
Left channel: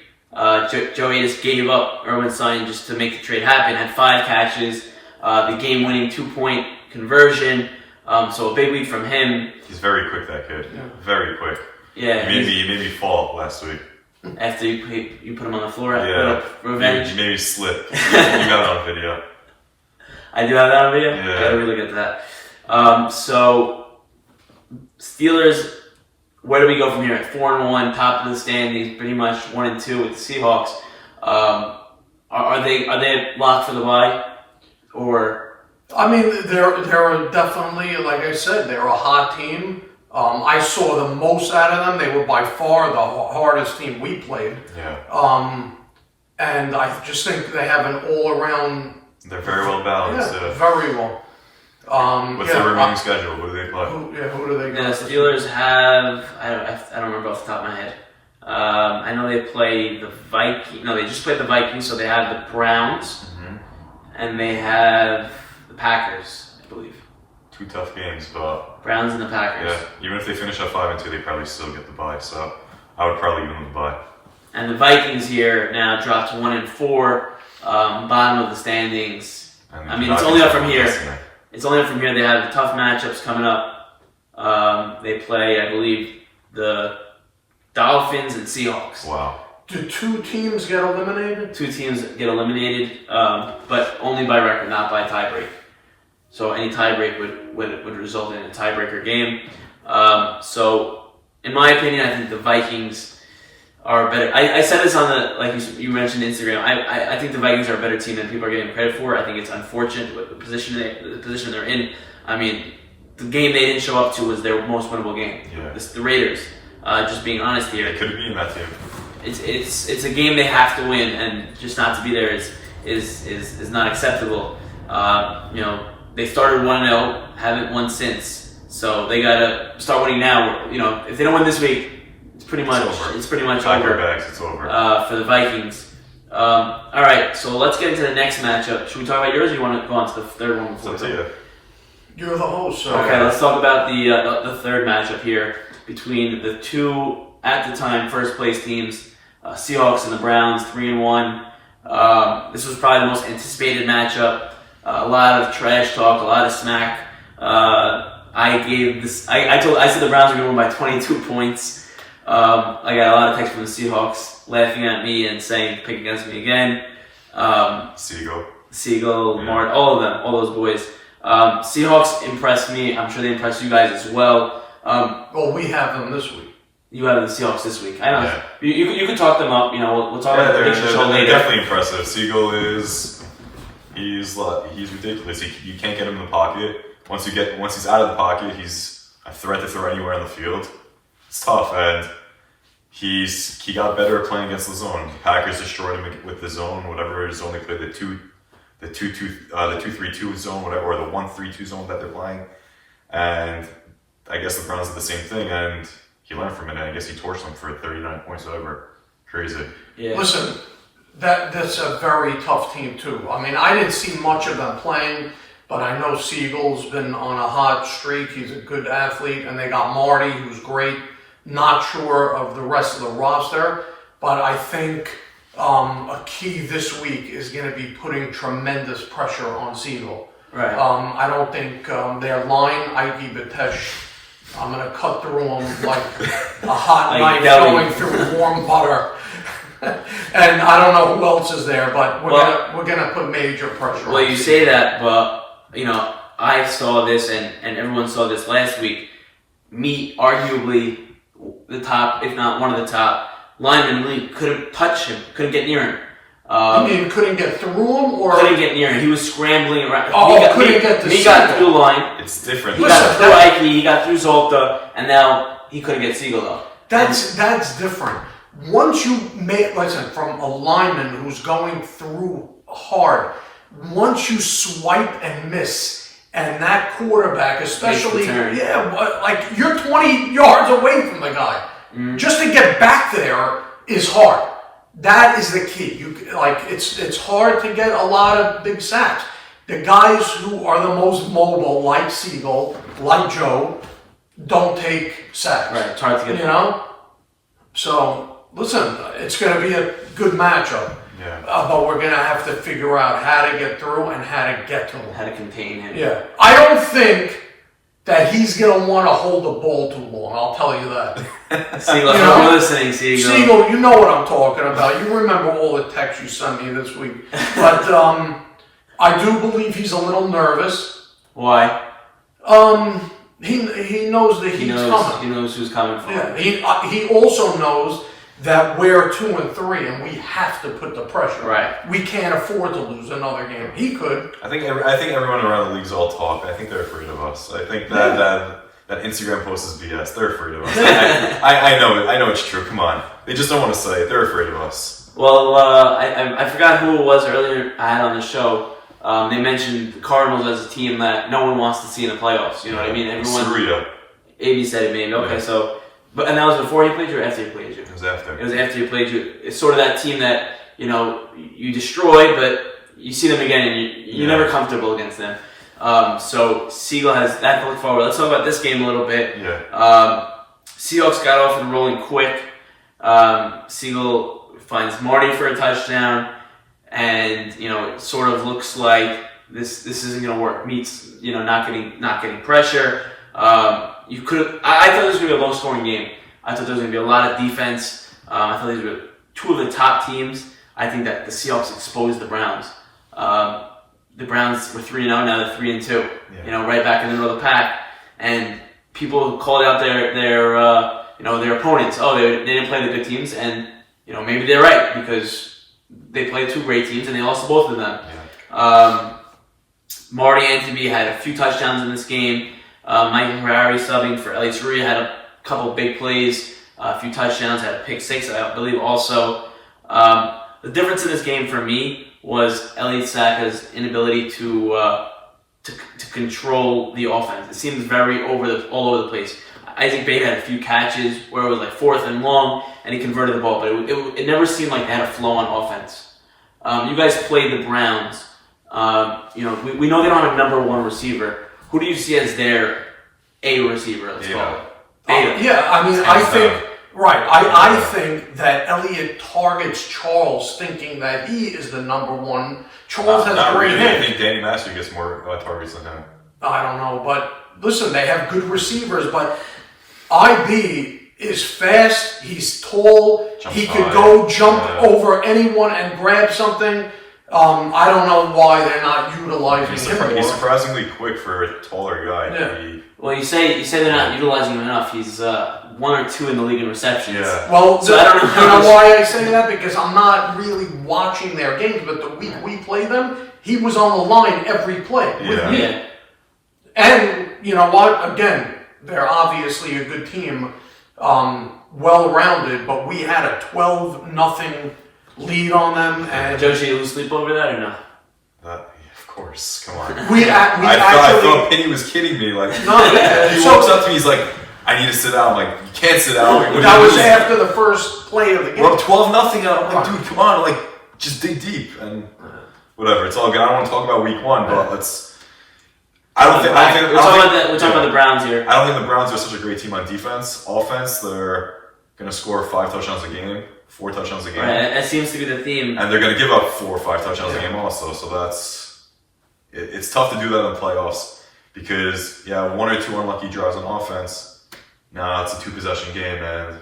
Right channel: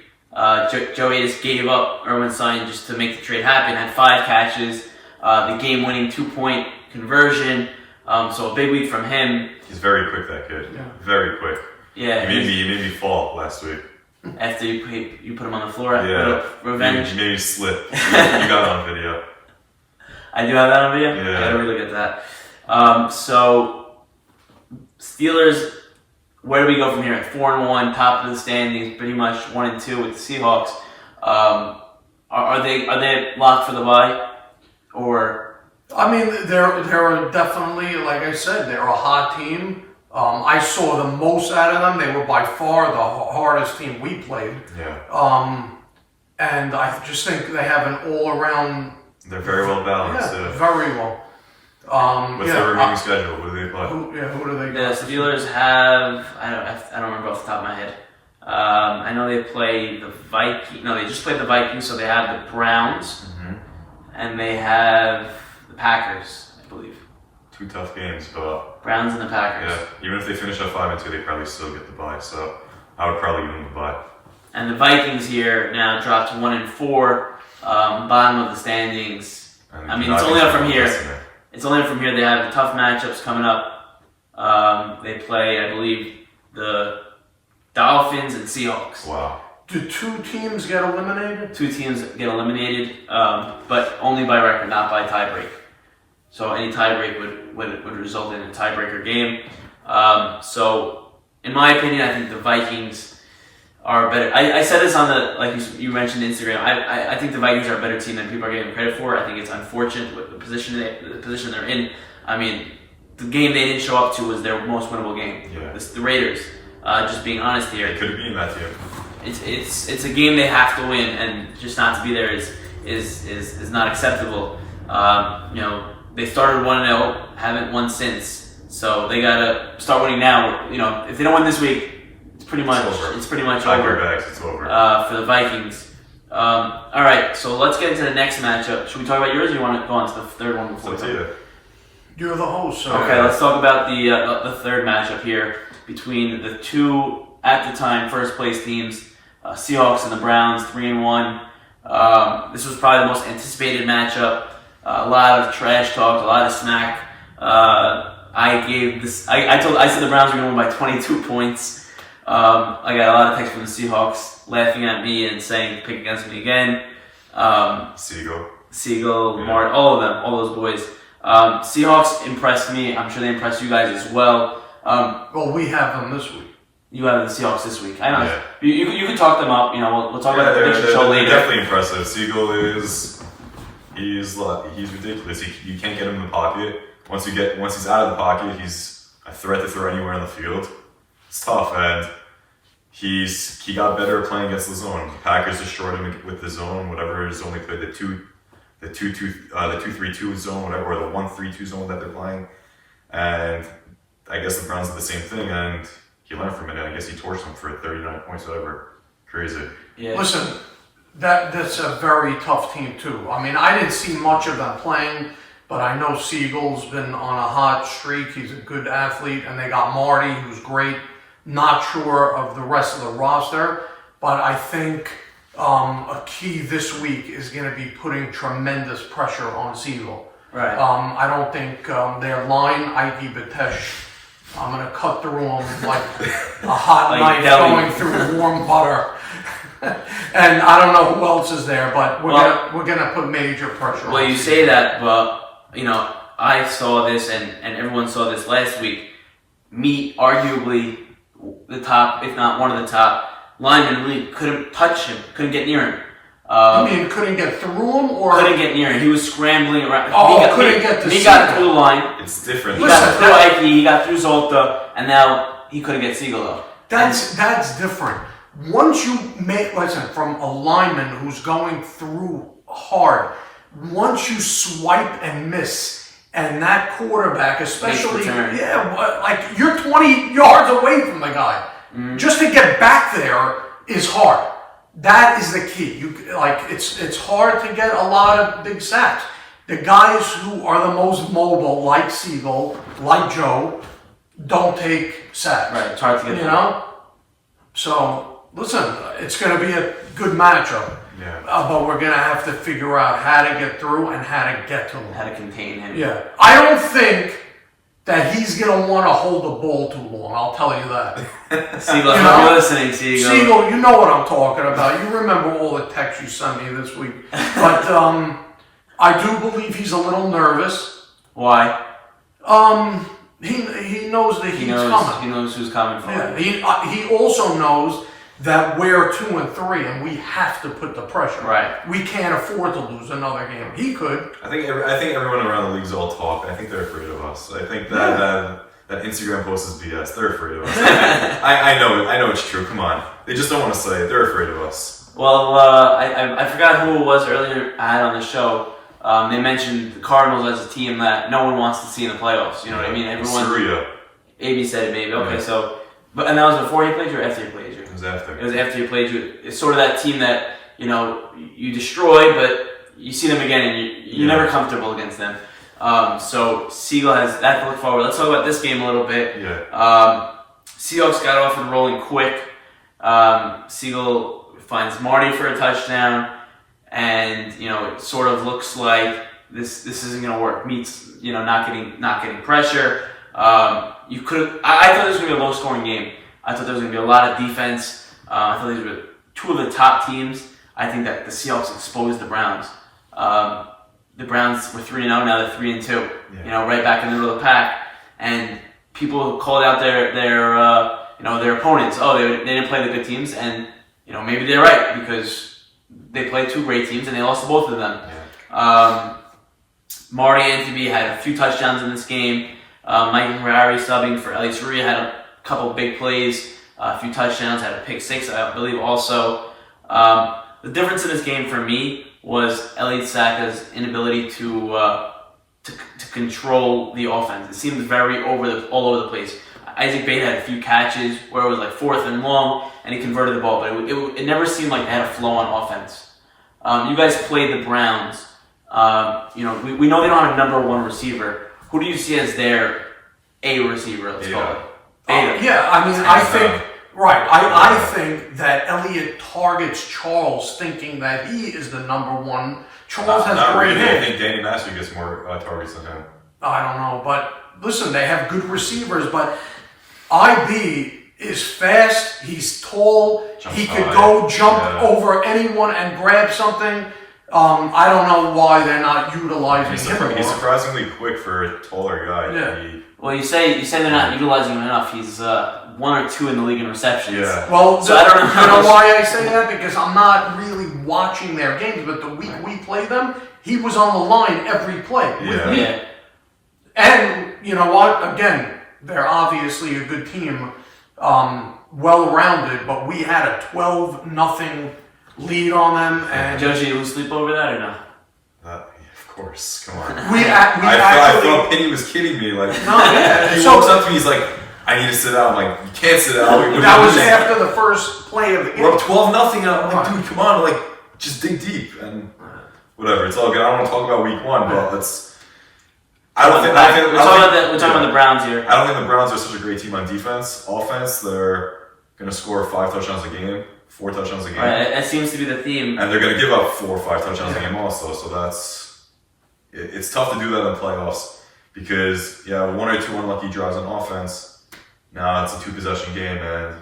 Joey just gave up Erwin Sutton just to make the trade happen. Had 5 catches, the game-winning 2-point conversion. So a big week from him. He's very quick, that kid. Yeah. Very quick. Yeah. He made me fall last week. After you put him on the floor, revenge. He made me slip. You got it on video. I do have that on video? Yeah. I really get to that. So, Steelers, where do we go from here? 4-1, top of the standings, pretty much 1-2 with the Seahawks. Are they locked for the bye? Or they're definitely, like I said, they're a hot team. I saw the most out of them. They were by far the hardest team we played. Yeah. And I just think they have an all-around. They're very well balanced. Yeah, very well. What's their remaining schedule? What do they play? Who do they go? The Steelers have, I don't remember off the top of my head. I know they play the Vikings. No, they just played the Vikings, so they have the Browns. And they have the Packers, I believe. 2 tough games, but Browns and the Packers. Yeah, even if they finish at 5-2, they probably still get the bye. So I would probably give them the bye. And the Vikings here now dropped to 1-4, bottom of the standings. It's only up from here. It's only up from here. They have tough matchups coming up. They play, I believe, the Dolphins and Seahawks. Wow. Do 2 teams get eliminated? 2 teams get eliminated, but only by record, not by tiebreak. So any tiebreak would result in a tiebreaker game. So, in my opinion, I think the Vikings are better. I said this on like you mentioned Instagram. I think the Vikings are a better team than people are giving credit for. I think it's unfortunate with the position they're in. The game they didn't show up to was their most winnable game. Yeah. The Raiders. Just being honest here. They could have been that team. It's a game they have to win, and just not to be there is not acceptable. They started 1-0, haven't won since, so they gotta start winning now. If they don't win this week, it's pretty much over. It's over for the Vikings. All right, so let's get into the next matchup. Should we talk about yours, or you want to go on to the third one before? It's up to you. You're the host. So. Okay, let's talk about the third matchup here between the 2 at the time first place teams, Seahawks and the Browns, 3-1. This was probably the most anticipated matchup. A lot of trash talk, a lot of smack. I said the Browns were going to win by 22 points. I got a lot of texts from the Seahawks laughing at me and saying pick against me again. Siegel, Mart, all of them, all those boys. Seahawks impressed me. I'm sure they impressed you guys as well. Well, we have them this week. You have the Seahawks this week. I know. Yeah. You can talk them up. We'll talk about the prediction show later. They're definitely impressive. Siegel he's ridiculous. You can't get him in the pocket. Once he's out of the pocket, he's a threat to throw anywhere in the field. It's tough, and he got better playing against the zone. The Packers destroyed him with the zone, whatever zone they played, the 2-3-2 zone, whatever, or the 1-3-2 zone that they're playing. And I guess the Browns did the same thing, and he learned from it, and I guess he torched them for 39 points, whatever. Crazy. Yeah. Listen, that's a very tough team too. I didn't see much of them playing, but I know Siegel's been on a hot streak. He's a good athlete, and they got Marty, who's great. Not sure of the rest of the roster, but I think a key this week is going to be putting tremendous pressure on Siegel. Right. I don't think their line, Ike Batesh, I'm gonna cut through them like a hot Like knife deli. going through warm butter. And I don't know who else is there, but we're gonna put major pressure. Well, on you Seagal. say that, but I saw this, and everyone saw this last week. Me, arguably the top, if not one of the top linemen in the league, couldn't touch him, couldn't get near him. You mean couldn't get through him, or Couldn't get near him. He was scrambling around. couldn't get to He got Seagal. through line. It's different. He got through Ike. He got through Zolta, and now he couldn't get Seagal though. That's different. Once you listen, from a lineman who's going through hard, once you swipe and miss, and that quarterback, especially, like you're 20 yards away from the guy. Mm-hmm. Just to get back there is hard. That is the key. It's hard to get a lot of big sacks. The guys who are the most mobile, like Seagal, like Joe, don't take sacks. Right, it's hard to get. So listen, it's going to be a good matchup. Yeah. But we're going to have to figure out how to get through and how to get to him. How to contain him. Yeah. I don't think that he's going to want to hold the ball too long. I'll tell you that. Seagal, you're listening, Seagal. Seagal, you know what I'm talking about. You remember all the texts you sent me this week. But I do believe he's a little nervous. Why? He knows that he's coming. He knows who's coming for him. Yeah. He also knows that we're 2-3 and we have to put the pressure. Right. We can't afford to lose another game. He could. I think everyone around the league's all talk. I think they're afraid of us. I think that Instagram post is BS. They're afraid of us. I know it. I know it's true. Come on. They just don't want to say it. They're afraid of us. Well, I forgot who it was earlier I had on the show. They mentioned the Cardinals as a team that no one wants to see in the playoffs. You know what I mean? Everyone. Surreal. AB said it, maybe. Okay, Yeah. so. And that was before he played you or after he played you? It was after. It was after he played you. It's sort of that team that, you destroy, but you see them again and you're never comfortable against them. So Seagal has that to look forward. Let's talk about this game a little bit. Yeah. Seahawks got off and rolling quick. Seagal finds Marty for a touchdown, and it sort of looks like this isn't going to work. Meets not getting pressure. I thought this was going to be a low-scoring game. I thought there was going to be a lot of defense. I thought these were two of the top teams. I think that the Seahawks exposed the Browns. The Browns were 3-0, now they're 3-2. Yeah. Right back in the middle of the pack. And people called out their opponents. Oh, they didn't play the good teams, and maybe they're right because they played two great teams and they lost to both of them. Yeah. Marty Anthony had a few touchdowns in this game. Michael Harari subbing for Ellie Saria had a couple big plays, a few touchdowns, had a pick six, I believe also. The difference in this game for me was Elliott Saka's inability to control the offense. It seemed very all over the place. Isaac Bate had a few catches where it was like 4th and long, and he converted the ball, but it never seemed like they had a flow on offense. You guys played the Browns. We know they don't have a number one receiver. Who do you see as their A receiver? Let's call it. I think that Elliott targets Charles thinking that he is the number one. Charles has great really. I hands. think Danny Master gets more targets than him. I don't know, but listen, they have good receivers, but IB is fast, he's tall, he could go jump over anyone and grab something. I don't know why they're not utilizing him more. He's surprisingly quick for a taller guy. Yeah. Well, you say they're not utilizing him enough. He's 1 or 2 in the league in receptions. Yeah. Well, I don't know. you know why I say that? Because I'm not really watching their games, but the week we played them, he was on the line every play with me. Yeah. And you know what? Again, they're obviously a good team, well-rounded, but we had a 12-0 lead on them. And Joe, did you lose sleep over that or no? Of course, come on. I thought Penny was kidding me. Like, no, he walks up to me, he's like, "I need to sit down." I'm like, "You can't sit down." That was after the first play of the game. We're up 12-0, and I'm like, "Dude, come on, like, just dig deep." And whatever, it's all good. I don't want to talk about week 1, but let's. We're talking about the Browns here. I don't think the Browns are such a great team on defense. Offense, they're going to score 5 touchdowns a game, 4 touchdowns a game. Right, that seems to be the theme. And they're going to give up 4 or 5 touchdowns a game also. So it's tough to do that in the playoffs because, 1 or 2 unlucky drives on offense, Now it's a 2-possession game, and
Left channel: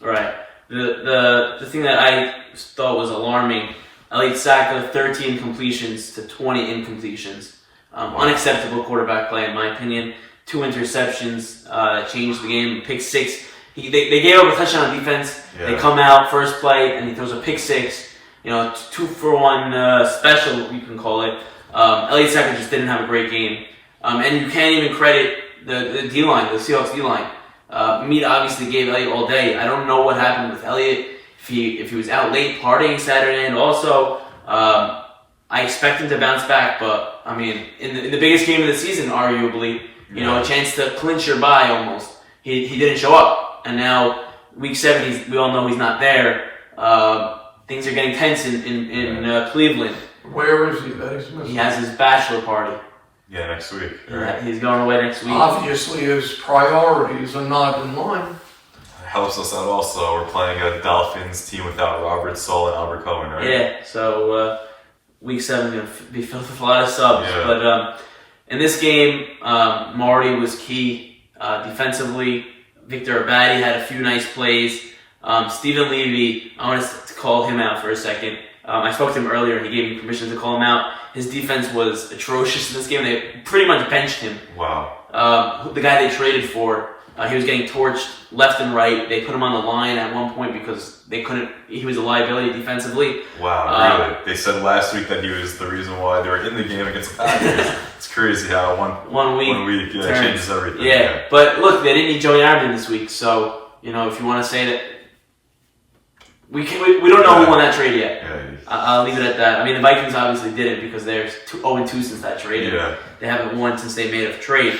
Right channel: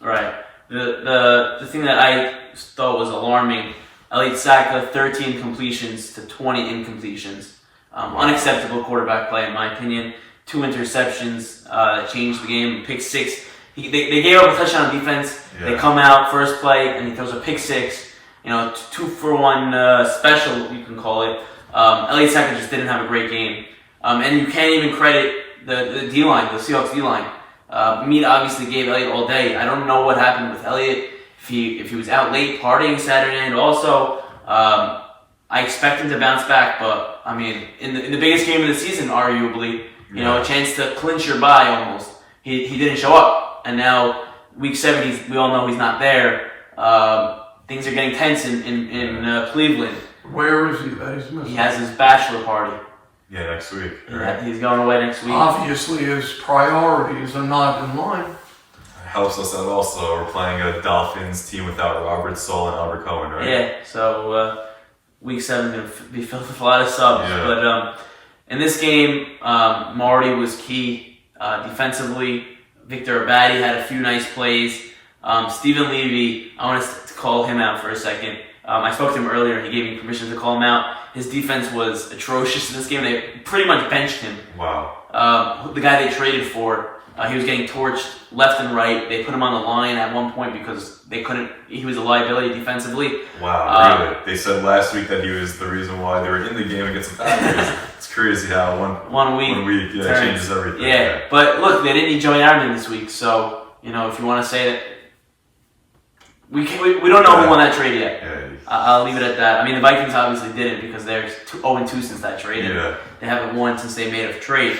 Right. The thing that I thought was alarming, Elliott Saka, 13 completions to 20 incompletions. Unacceptable quarterback play, in my opinion. 2 interceptions that changed the game. Pick 6. They gave up a touchdown on defense. Yeah. They come out first play, and he throws a pick 6. 2-for-1 special, you can call it. Elliott Saka just didn't have a great game. And you can't even credit the D-line, the Seahawks D-line. Meat obviously gave Elliott all day. I don't know what happened with Elliott, if he was out late partying Saturday, and also I expect him to bounce back. But I mean, in the biggest game of the season, arguably, a chance to clinch your bye almost. He didn't show up, and now week 7, we all know he's not there. Things are getting tense in Cleveland. Where is he that he's missing? He has his bachelor party. yeah, next week. Yeah, he's going away next week. Obviously, his priorities are not in line. Helps us out also. We're playing a Dolphins team without Robert Saul and Albert Cohen, right? Yeah, so week 7 is going to be filled with a lot of subs. Yeah. But in this game, Marty was key defensively. Victor Abadi had a few nice plays. Stephen Levy, I want to call him out for a second. I spoke to him earlier. He gave me permission to call him out. His defense was atrocious in this game. They pretty much benched him. Wow. The guy they traded for, he was getting torched left and right. They put him on the line at one point because they couldn't. He was a liability defensively. Wow, really? They said last week that he was the reason why they were in the game against the Packers. It's crazy how one week changes everything. Yeah, but look, they didn't need Joey Armey this week, so if you want to say that, we don't know who won that trade yet. Yeah. I'll leave it at that. I mean, the Vikings obviously didn't because they're 0-2 since that trade. Yeah. They haven't won since they made a trade.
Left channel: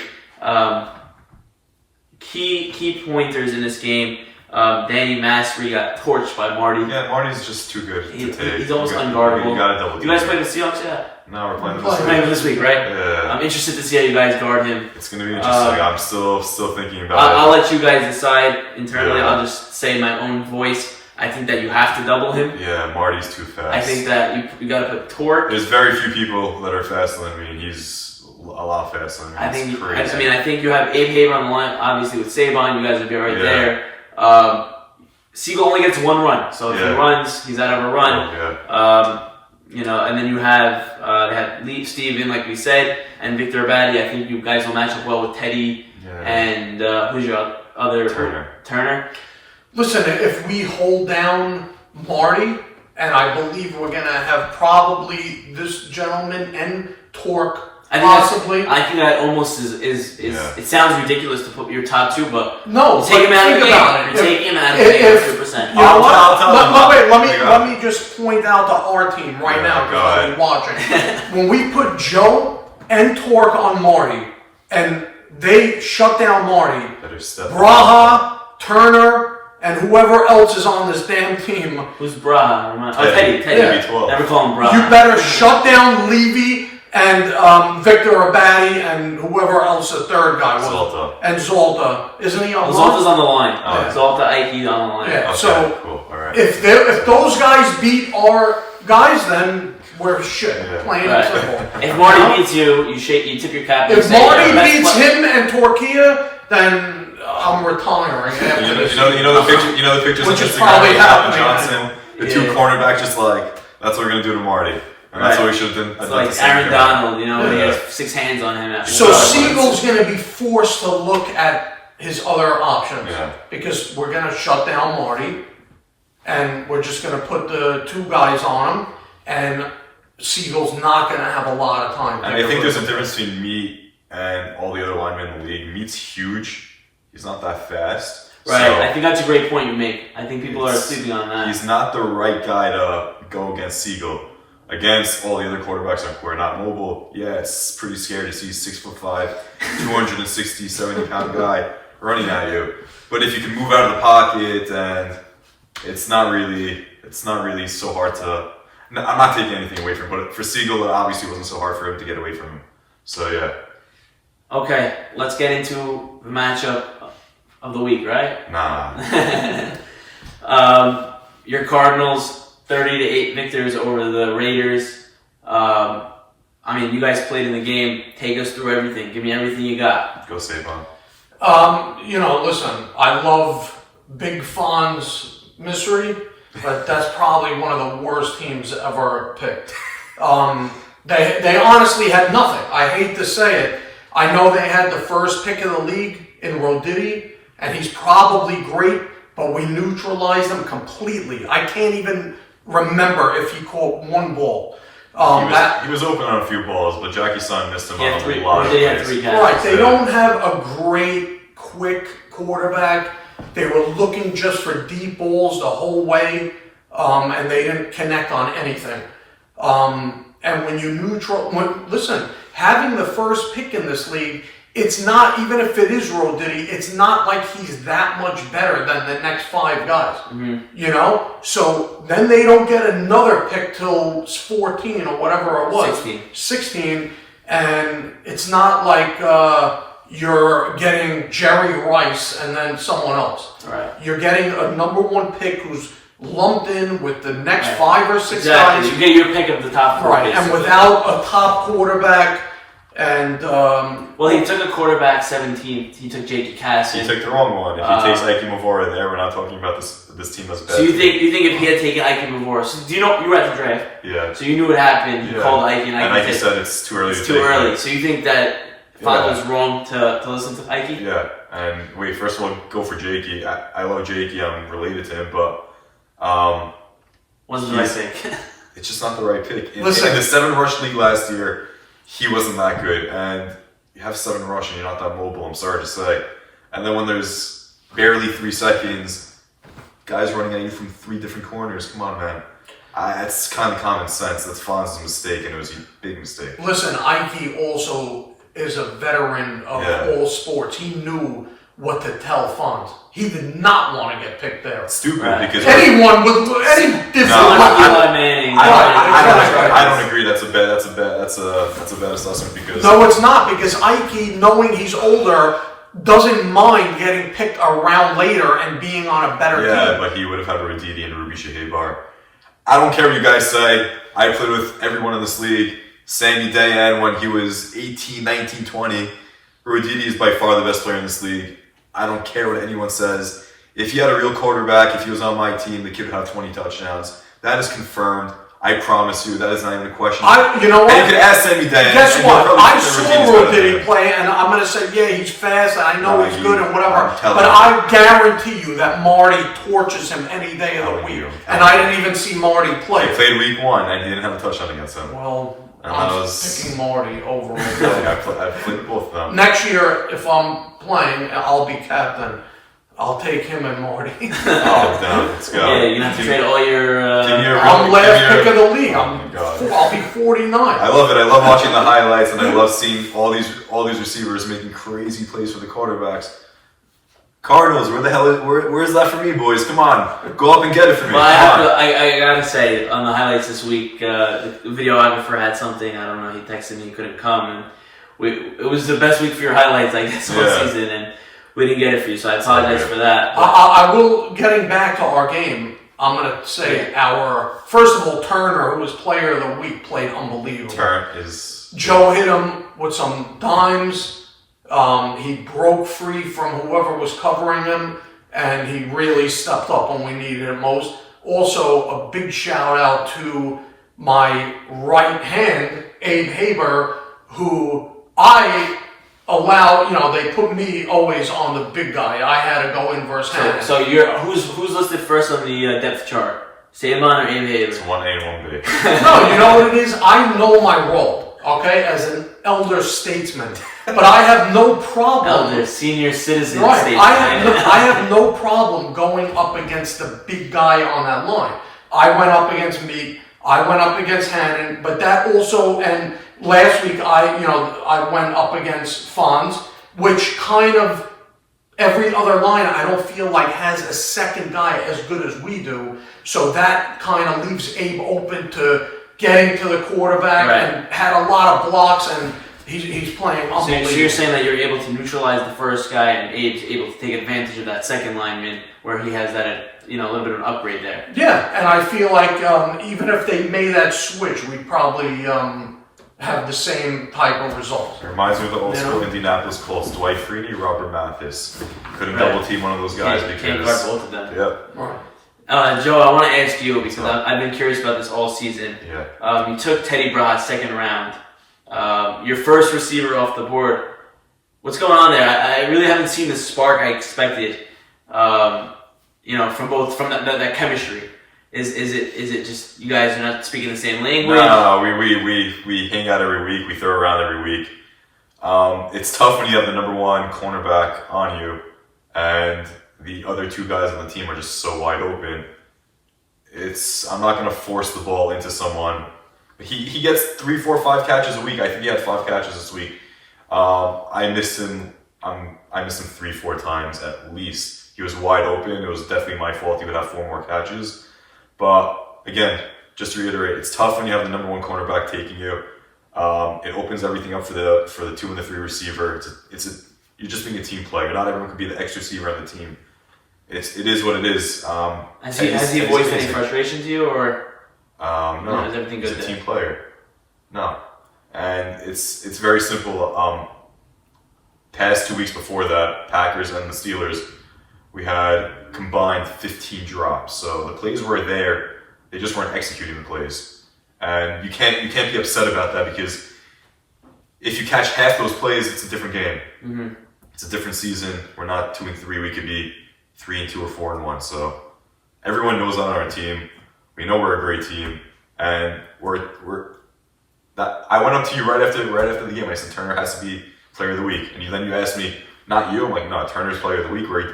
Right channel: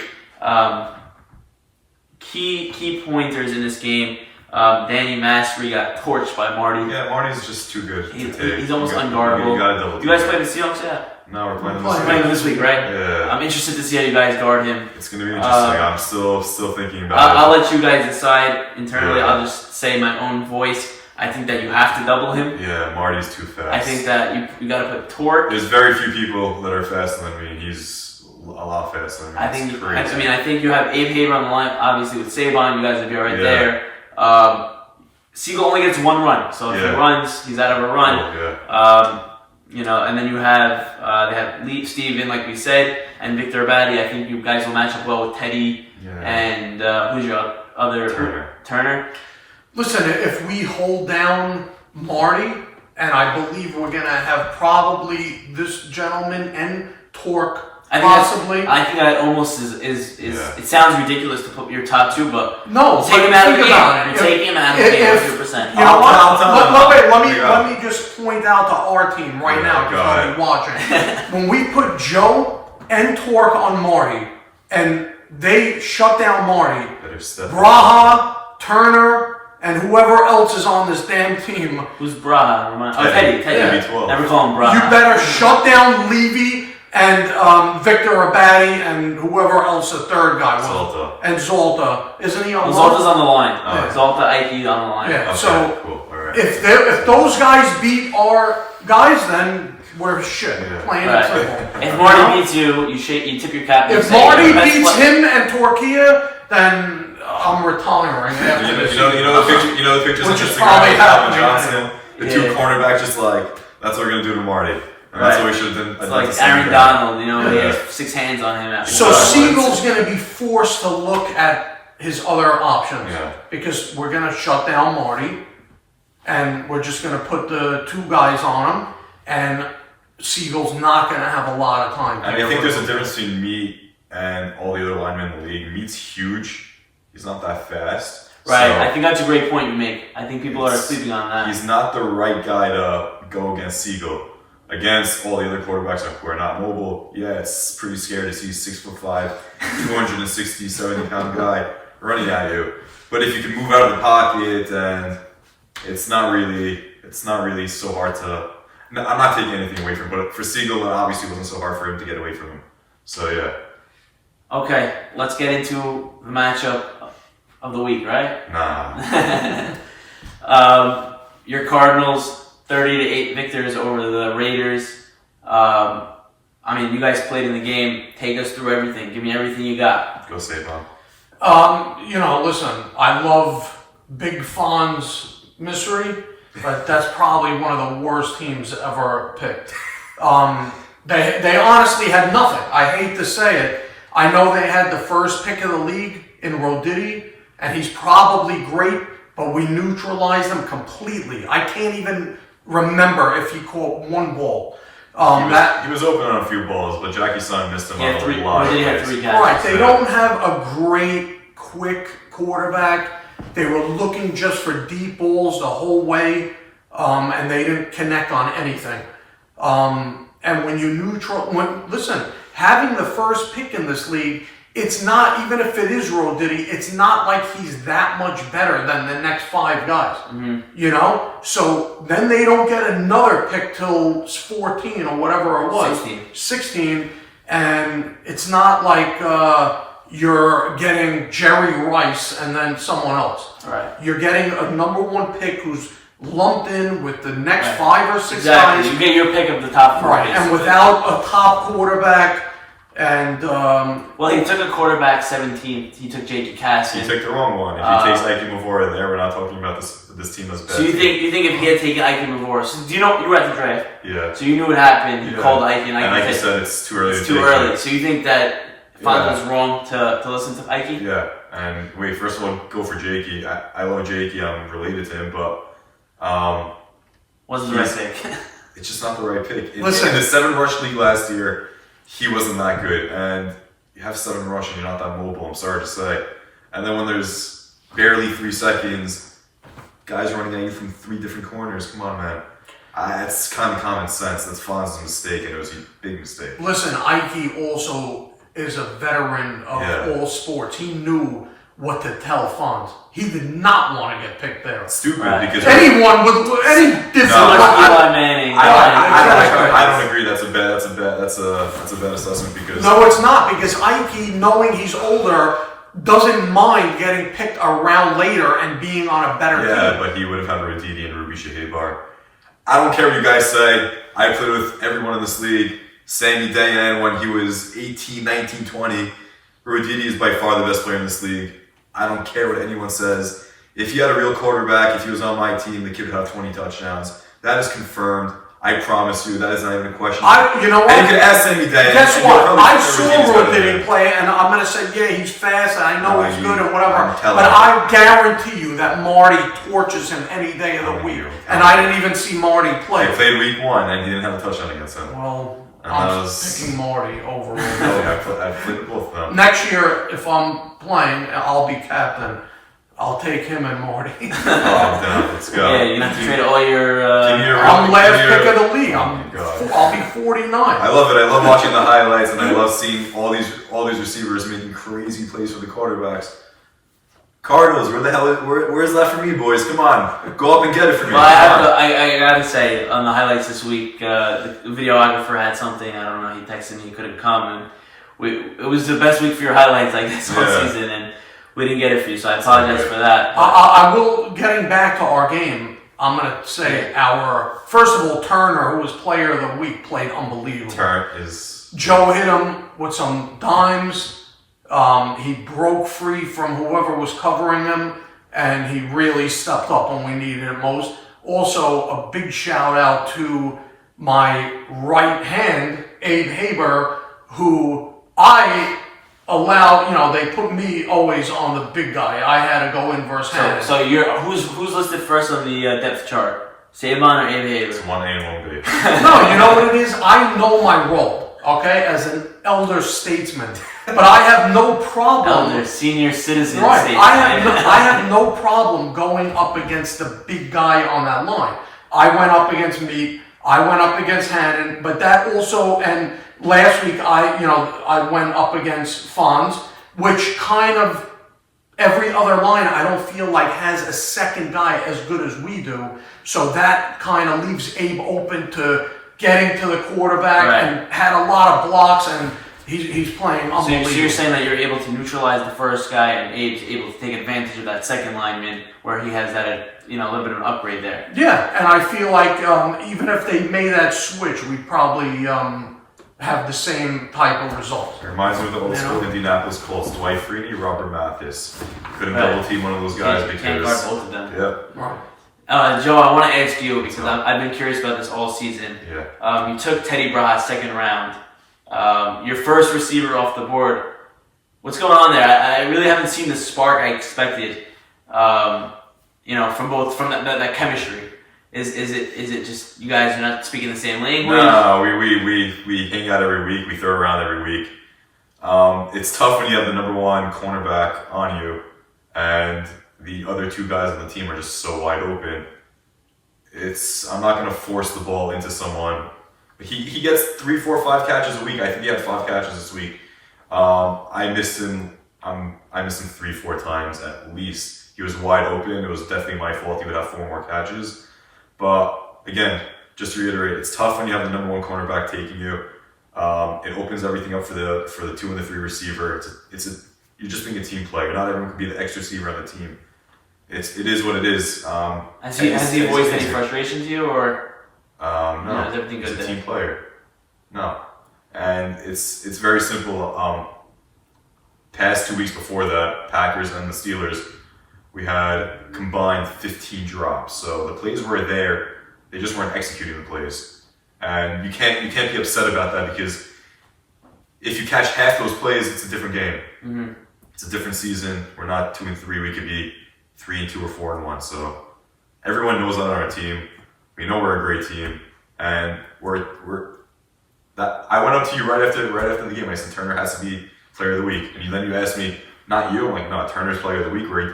Key pointers in this game. Danny Mastery got torched by Marty. Yeah, Marty's just too good to take. He's almost unguardable. You gotta double. You guys play the Seahawks yet? No, we're playing We're playing this week, right? Yeah. I'm interested to see how you guys guard him. It's gonna be interesting. I'm still thinking about I'll let you guys decide internally. Yeah. I'll just say my own voice. I think that you have to double him. Yeah, Marty's too fast. I think that you got to put Torque. There's very few people that are faster than me, and he's a lot faster than me. I think crazy. you have Abe Haber on the line. Obviously, with Saban, you guys would be right there. Siegel only gets 1 run, so if he runs, he's out of a run. And then you have they have Lee Steven, like we said, and Victor Abadi. I think you guys will match up well with Teddy and who's your other Turner. Listen, if we hold down Marty, and I believe we're going to have probably this gentleman and Torque, possibly. I think that almost is it sounds ridiculous to put your top 2, but no, take him out of the game. Take him out of the game 100%. You know what? Let me just point out to our team right now because I'll be watching. When we put Joe and Torque on Marty, and they shut down Marty, Braha, Turner, and whoever else is on this damn team. Who's Braha? Teddy. B12. Never call him Braha. You better shut down Levy and Victor Abadi and whoever else the third guy was. Zolta. And Zolta. Isn't he on the line? line? Zolta's on the line. Yeah. Zolta, Ike on the line. Yeah, Okay, so cool. All right. if those guys beat our guys, then we're shit. Plain and simple. If Marty beats you, you tip your cap. If Marty beats him and Torquilla, then I'm retiring after this. You know the pictures Which on is Instagram probably of happening. Johnson, the 2 cornerbacks, just like that's what we're gonna do to Marty, and that's what we should have done. It's like Aaron Donald, he has 6 hands on him. So Siegel's gonna be forced to look at his other options because we're gonna shut down Marty, and we're just gonna put the 2 guys on him, and Siegel's not gonna have a lot of time. I think there's a difference between Meat and all the other linemen in the league. Meat's huge. He's not that fast. Right, so I think that's a great point you make. I think people are sleeping on that. He's not the right guy to go against Siegel. Against all the other quarterbacks who are not mobile, it's pretty scary to see 6'5", 260, 70-pound guy running at you. But if you can move out of the pocket, then it's not really so hard to. No, I'm not taking anything away from him, but for Siegel, it obviously wasn't so hard for him to get away from him. So yeah. Okay, let's get into the matchup of the week, right? Nah. Your Cardinals, 30-8 victors over the Raiders. You guys played in the game. Take us through everything. Give me everything you got. Go Saban. Listen, I love Big Fonz Mystery, but that's probably one of the worst teams ever picked. They honestly had nothing. I hate to say it. I know they had the first pick of the league in Roditi, and he's probably great, but we neutralized him completely. I can't even remember if he caught one ball. He was open on a few balls, but Jackie Son missed him on a lot of plays. Right, they don't have a great, quick quarterback. They were looking just for deep balls the whole way, and they didn't connect on anything. And when you listen, having the first pick in this league, it's not, even if it is Roditi, it's not like he's that much better than the next 5 guys. Mm-hmm. So then they don't get another pick till 14 or whatever it was. 16. And it's not like you're getting Jerry Rice and then someone else. Right. You're getting a number 1 pick who's lumped in with the next 5 or 6 guys. You get your pick of the top 4. Right, and without a top quarterback. And he took a quarterback 17th. He took J.K. Casson. He took the wrong one. If he takes Ike Mavora in there, we're not talking about this team as bad. So you think if he had taken Ike Mavora, so do you were at the draft? Yeah. So you knew what happened. You called Ike, and Ike said it's too early. So you think that Fonz was wrong to listen to Ike? Yeah. And wait, first of all, go for Jakey. I love Jakey. I'm related to him, but wasn't the right pick. It's just not the right pick. In the 7 rush league last year, he wasn't that good, and you have 7 rush and you're not that mobile, I'm sorry to say. And then when there's barely 3 seconds, guys running at you from 3 different corners, come on, man. That's kind of common sense. That's Fonz's mistake, and it was a big mistake. Listen, Ike also is a veteran of all sports. He knew what to tell Fonz. He did not want to get picked there. It's stupid because anyone with any different. I don't agree. That's a bad assessment because no, it's not, because Ike, knowing he's older, doesn't mind getting picked around later and being on a better team. Yeah, but he would have had Roditi and Ruby Shahebar. I don't care what you guys say. I played with everyone in this league. Sammy Dayan when he was 18, 19, 20. Roditi is by far the best player in this league. I don't care what anyone says. If he had a real quarterback, if he was on my team, the kid would have 20 touchdowns. That is confirmed. I promise you, that is not even a question. You know what? And you can ask Sammy Dayan. Guess what? I saw Roditi play, and I'm going to say, yeah, he's fast, and I know he's good and whatever. But I guarantee you that Marty torches him any day of the week. And I didn't even see Marty play. He played week 1, and he didn't have a touchdown against him. Well, I'm picking Marty over Roditi. I played both of them. Next year, if I'm playing, I'll be captain. I'll take him and Marty. Down. Let's go. Yeah, you have to trade all your. I'm last pick of the league. I'll be 49. I love it. I love watching the highlights, and I love seeing all these receivers making crazy plays for the quarterbacks. Cardinals, where the hell where's that for me, boys? Come on, go up and get it for me. Well, I gotta say, on the highlights this week, the videographer had something. I don't know. He texted me, he couldn't come, and it was the best week for your highlights, I guess, all season, and we didn't get it for you, so I apologize for that. I will, getting back to our game, I'm going to say first of all, Turner, who was player of the week, played unbelievable. Joe hit him with some dimes. He broke free from whoever was covering him, and he really stepped up when we needed it most. Also, a big shout out to my right hand, Abe Haber, who they put me always on the big guy. I had to go in versus Hannon. So who's listed first on the depth chart? Saban or Abe Haber? It's 1A and 1B. No, you know what it is? I know my role, okay, as an elder statesman. But I have no problem. Elder, senior citizen. Right. Statesman. I have no problem going up against the big guy on that line. I went up against Meek. I went up against Hannon. But that also, and last week I went up against Fonz, which kind of every other line I don't feel like has a second guy as good as we do. So that kind of leaves Abe open to getting to the quarterback and had a lot of blocks, and he's playing unbelievable. So you're saying that you're able to neutralize the first guy, and Abe's able to take advantage of that second lineman where he has that a little bit of an upgrade there. Yeah, and I feel like even if they made that switch, we'd probably have the same type of results. It reminds me of the old school Indianapolis Colts. Dwight Freeney, Robert Mathis. Couldn't double team one of those guys Can't because. guard both of them. Yep. Right. Joe, I want to ask you because I've been curious about this all season. Yeah. You took Teddy Bras second round. Your first receiver off the board. What's going on there? I really haven't seen the spark I expected. From that chemistry. Is it just you guys are not speaking the same language? No, we hang out every week. We throw around every week. It's tough when you have the number one cornerback on you, and the other two guys on the team are just so wide open. I'm not going to force the ball into someone. He gets 3, 4, 5 catches a week. I think he had 5 catches this week. I missed him 3, 4 times at least. He was wide open. It was definitely my fault. He would have 4 more catches. But again, just to reiterate, it's tough when you have the number one cornerback taking you. It opens everything up for the 2 and the 3 receiver. You're just being a team player. Not everyone could be the X receiver on the team. It is what it is. Has he voiced any frustration to you, or no? Is everything good? He's a team player. No, and it's very simple. Past 2 weeks before that, Packers and the Steelers, we had combined 15 drops. So the plays were there, they just weren't executing the plays. And you can't be upset about that because if you catch half those plays, it's a different game. Mm-hmm. It's a different season. We're not 2 and 3. We could be 3 and 2 or 4 and 1. So everyone knows that on our team. We know we're a great team, and I went up to you right after the game. I said Turner has to be Player of the Week, and then you asked me, not you. I'm like, no, Turner's Player of the Week. We're a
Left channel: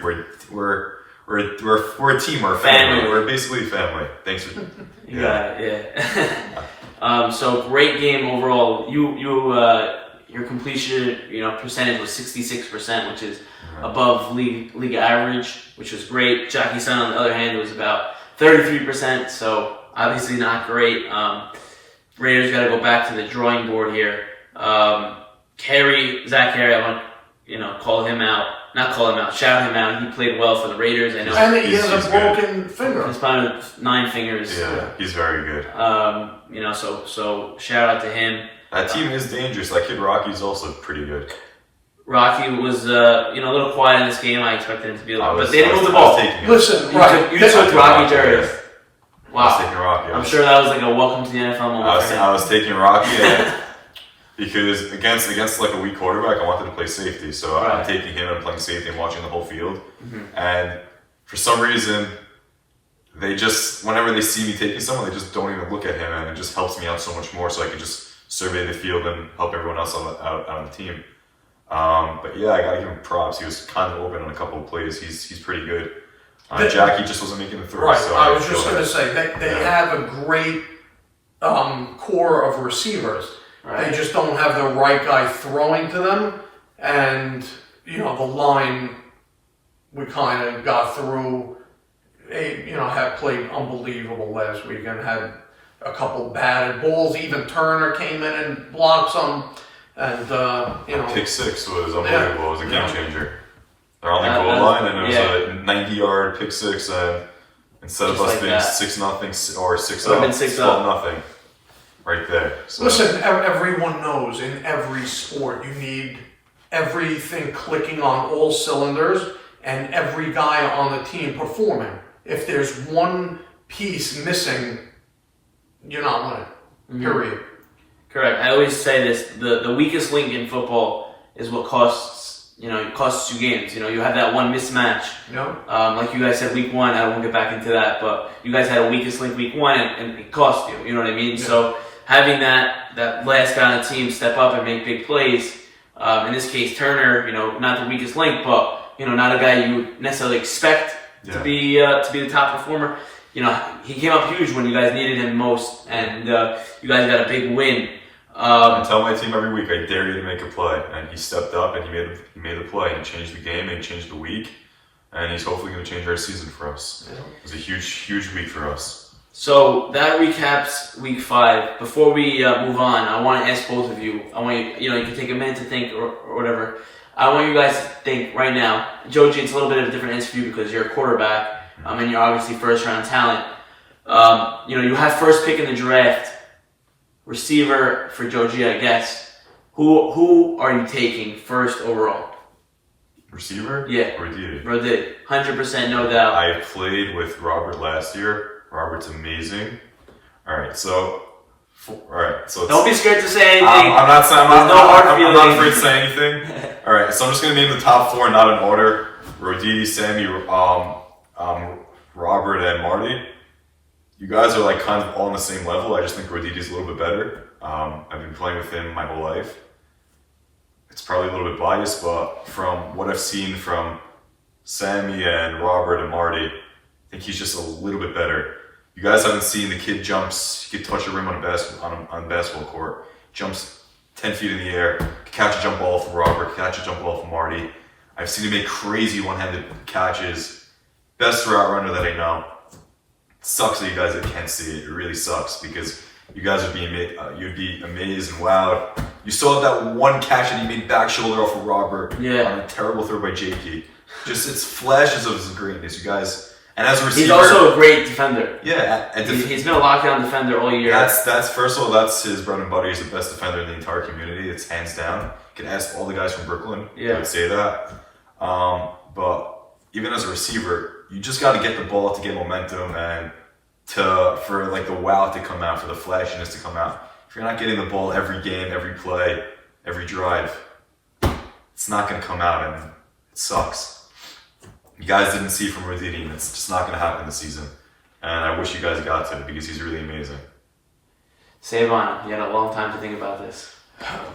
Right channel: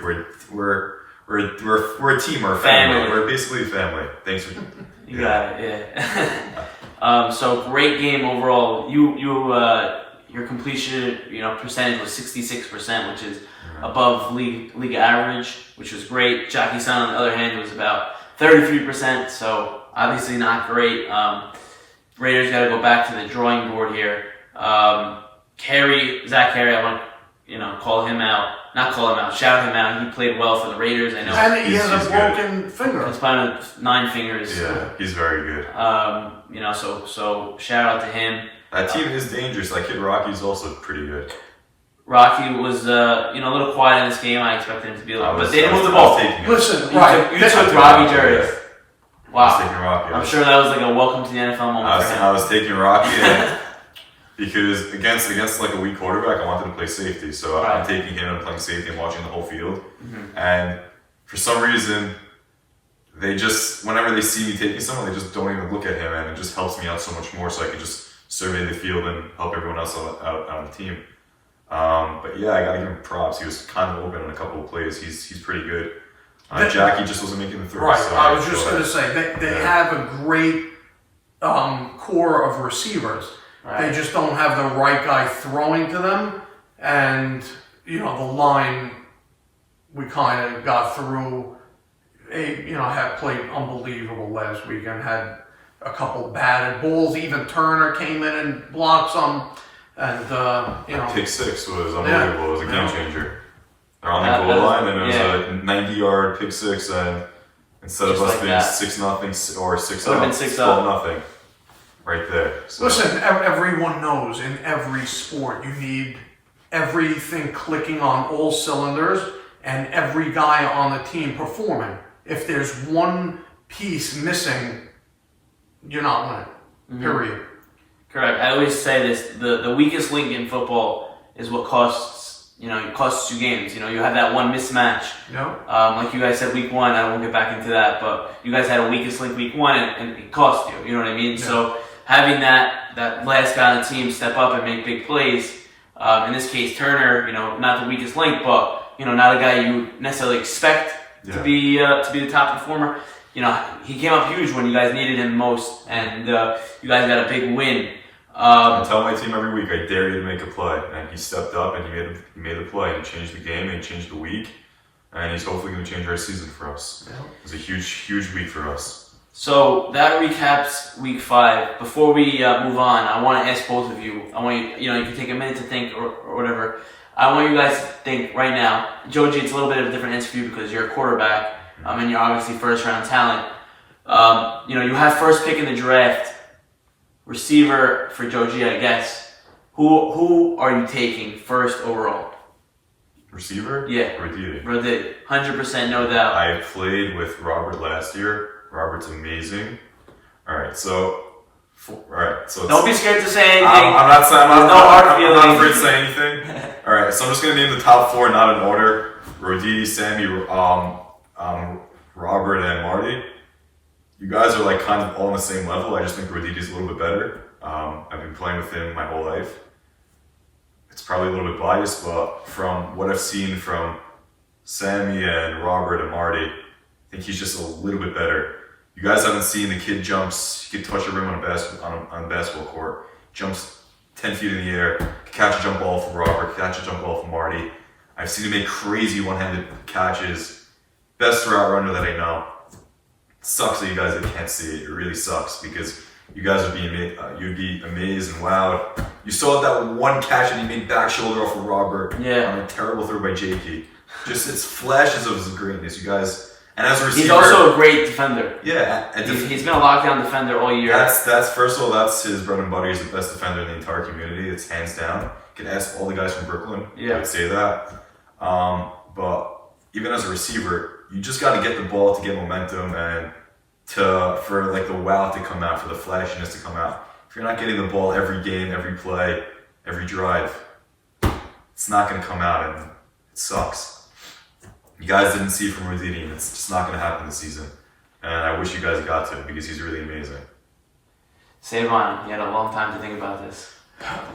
team. We're a family. We're basically a family. Thanks for. You got it. Yeah. So great game overall. Your completion percentage was 66%, which is above league average, which was great. Jockey Son, on the other hand, was about 33%. So obviously not great. Raiders got to go back to the drawing board here. Zach Carey, I want to call him out. Not call him out, shout him out. He played well for the Raiders. I know. And he has a broken finger. He's playing with 9 fingers. Yeah, he's very good. So shout out to him. That team is dangerous. That kid Rocky's also pretty good. Rocky was a little quiet in this game. I expected him to be but they didn't move the ball. Listen, right. You took Rocky Jerry. Wow. I was taking Rocky. I'm sure that was like a welcome to the NFL moment. I was taking Rocky because against like a weak quarterback, I wanted to play safety. So I'm taking him and playing safety and watching the whole field. Mm-hmm. And for some reason, they just, whenever they see me taking someone, they just don't even look at him, and it just helps me out so much more so I can just survey the field and help everyone else out on the team. But yeah, I got to give him props. He was kind of open on a couple of plays. He's pretty good. Jackie just wasn't making the throw. Right. So I was just going to say, they have a great core of receivers. Right. They just don't have the right guy throwing to them. And, the line we kind of got through, had played unbelievable last week and had a couple batted balls. Even Turner came in and blocked some. And, Pick 6 was unbelievable. It was a game changer. They're on the goal line, and it was a 90-yard pick 6, and instead of us being 6-0 or 6-up, 12-0 right there. So. Listen, everyone knows in every sport you need everything clicking on all cylinders and every guy on the team performing. If there's one piece missing, you're not winning. Mm-hmm. Period. Correct. I always say this: the weakest link in football is what costs. It costs you games. You have that one mismatch. No. Like you guys said, week 1. I won't get back into that, but you guys had a weakest link week 1, and it cost you. You know what I mean? Yeah. So having that last guy on the team step up and make big plays. In this case, Turner. Not the weakest link, but not a guy you necessarily expect to be the top performer. He came up huge when you guys needed him most, and you guys got a big win. I tell my team every week, I dare you to make a play, and he stepped up and he made the play, and he changed the game and he changed the week, and he's hopefully going to change our season for us. Yeah. It was a huge week for us. So that recaps week 5. Before we move on, I want to ask both of you. I want you can take a minute to think or whatever. I want you guys to think right now. Joji, it's a little bit of a different answer for you because you're a quarterback. And you're obviously first round talent. You have first pick in the draft. receiver for Joe G, I guess. Who are you taking first overall? Receiver? Yeah. Roditi. Roditi. 100%, no doubt. I played with Robert last year. Robert's amazing. All right, so don't be scared to say anything. I'm not saying I'm No hard not afraid feelings. to say anything. All right, so I'm just gonna name the top 4, not in order. Roditi, Sammy, Robert, and Marty. You guys are like kind of all on the same level. I just think Roditi's a little bit better. I've been playing with him my whole life. It's probably a little bit biased, but from what I've seen from Sammy and Robert and Marty, I think he's just a little bit better. You guys haven't seen the kid jumps, he could touch a rim on a basketball court, jumps 10 feet in the air, could catch a jump ball from Robert, could catch a jump ball from Marty. I've seen him make crazy one-handed catches. Best route runner that I know. It sucks that you guys can't see it. It really sucks because you guys would you'd be amazed and wowed. You saw that one catch that he made back shoulder off of Robert on a terrible throw by JP. Just it's flashes of his greatness, you guys. And as a receiver, he's also a great defender. Yeah, he's been a lockdown defender all year. That's first of all, that's his bread and butter. He's the best defender in the entire community. It's hands down. You can ask all the guys from Brooklyn. They would say that. But even as a receiver, you just got to get the ball to get momentum and for like the wow to come out, for the flashiness to come out. If you're not getting the ball every game, every play, every drive, it's not going to come out, and it sucks. You guys didn't see from Roditi, and it's just not going to happen this season. And I wish you guys got to, because he's really amazing. Savon, you had a long time to think about this.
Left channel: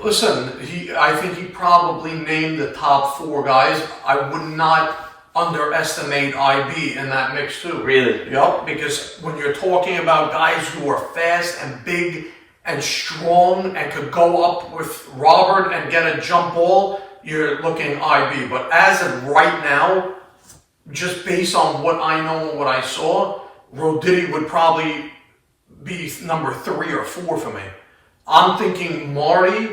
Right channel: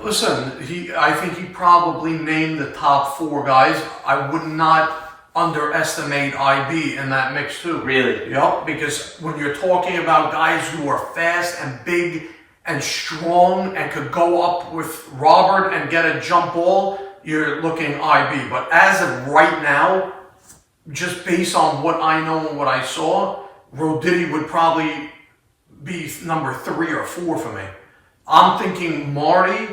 Listen, I think he probably named the top 4 guys. I would not underestimate IB in that mix too. Really? Yep, because when you're talking about guys who are fast and big and strong and could go up with Robert and get a jump ball, you're looking IB. But as of right now, just based on what I know and what I saw, Roditi would probably be number 3 or 4 for me. I'm thinking Marty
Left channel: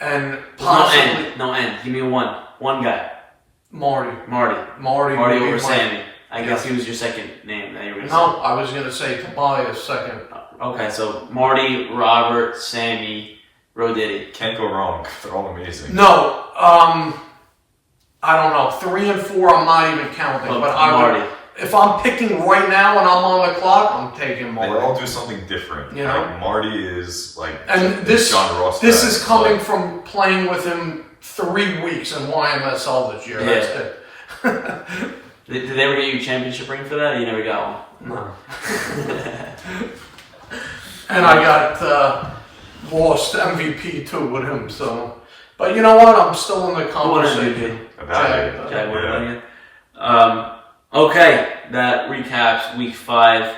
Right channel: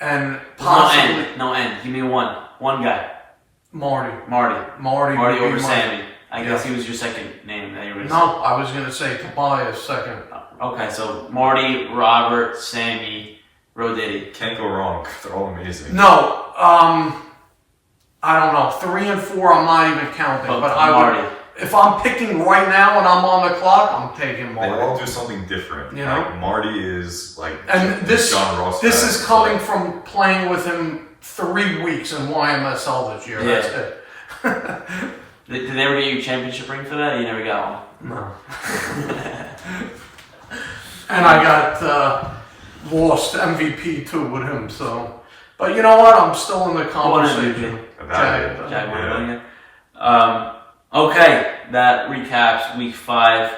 and possibly... No end. Give me one. One guy. Marty Marty over my... Sammy. I guess he was your second name that you were going to No, I was going to say Tobias second. Okay, so Marty, Robert, Sammy, Roditi. Can't go wrong. They're all amazing. No, I don't know. 3 and 4, I'm not even counting. But I would, if I'm picking right now and I'm on the clock, I'm taking Marty. They all do something different. You know? Like Marty is like John Ross. This is coming from playing with him 3 weeks in YMSL this year. Yeah. That's it. Did they ever get you a championship ring for that? You never got one. No. And I got lost MVP too with him. So, but you know what? I'm still in the conversation. Okay, that recaps week 5.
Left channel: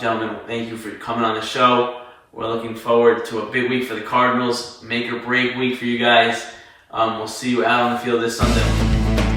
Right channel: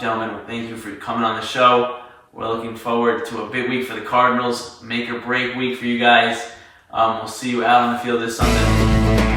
Gentlemen, thank you for coming on the show. We're looking forward to a big week for the Cardinals. Make or break week for you guys. We'll see you out on the field this Sunday.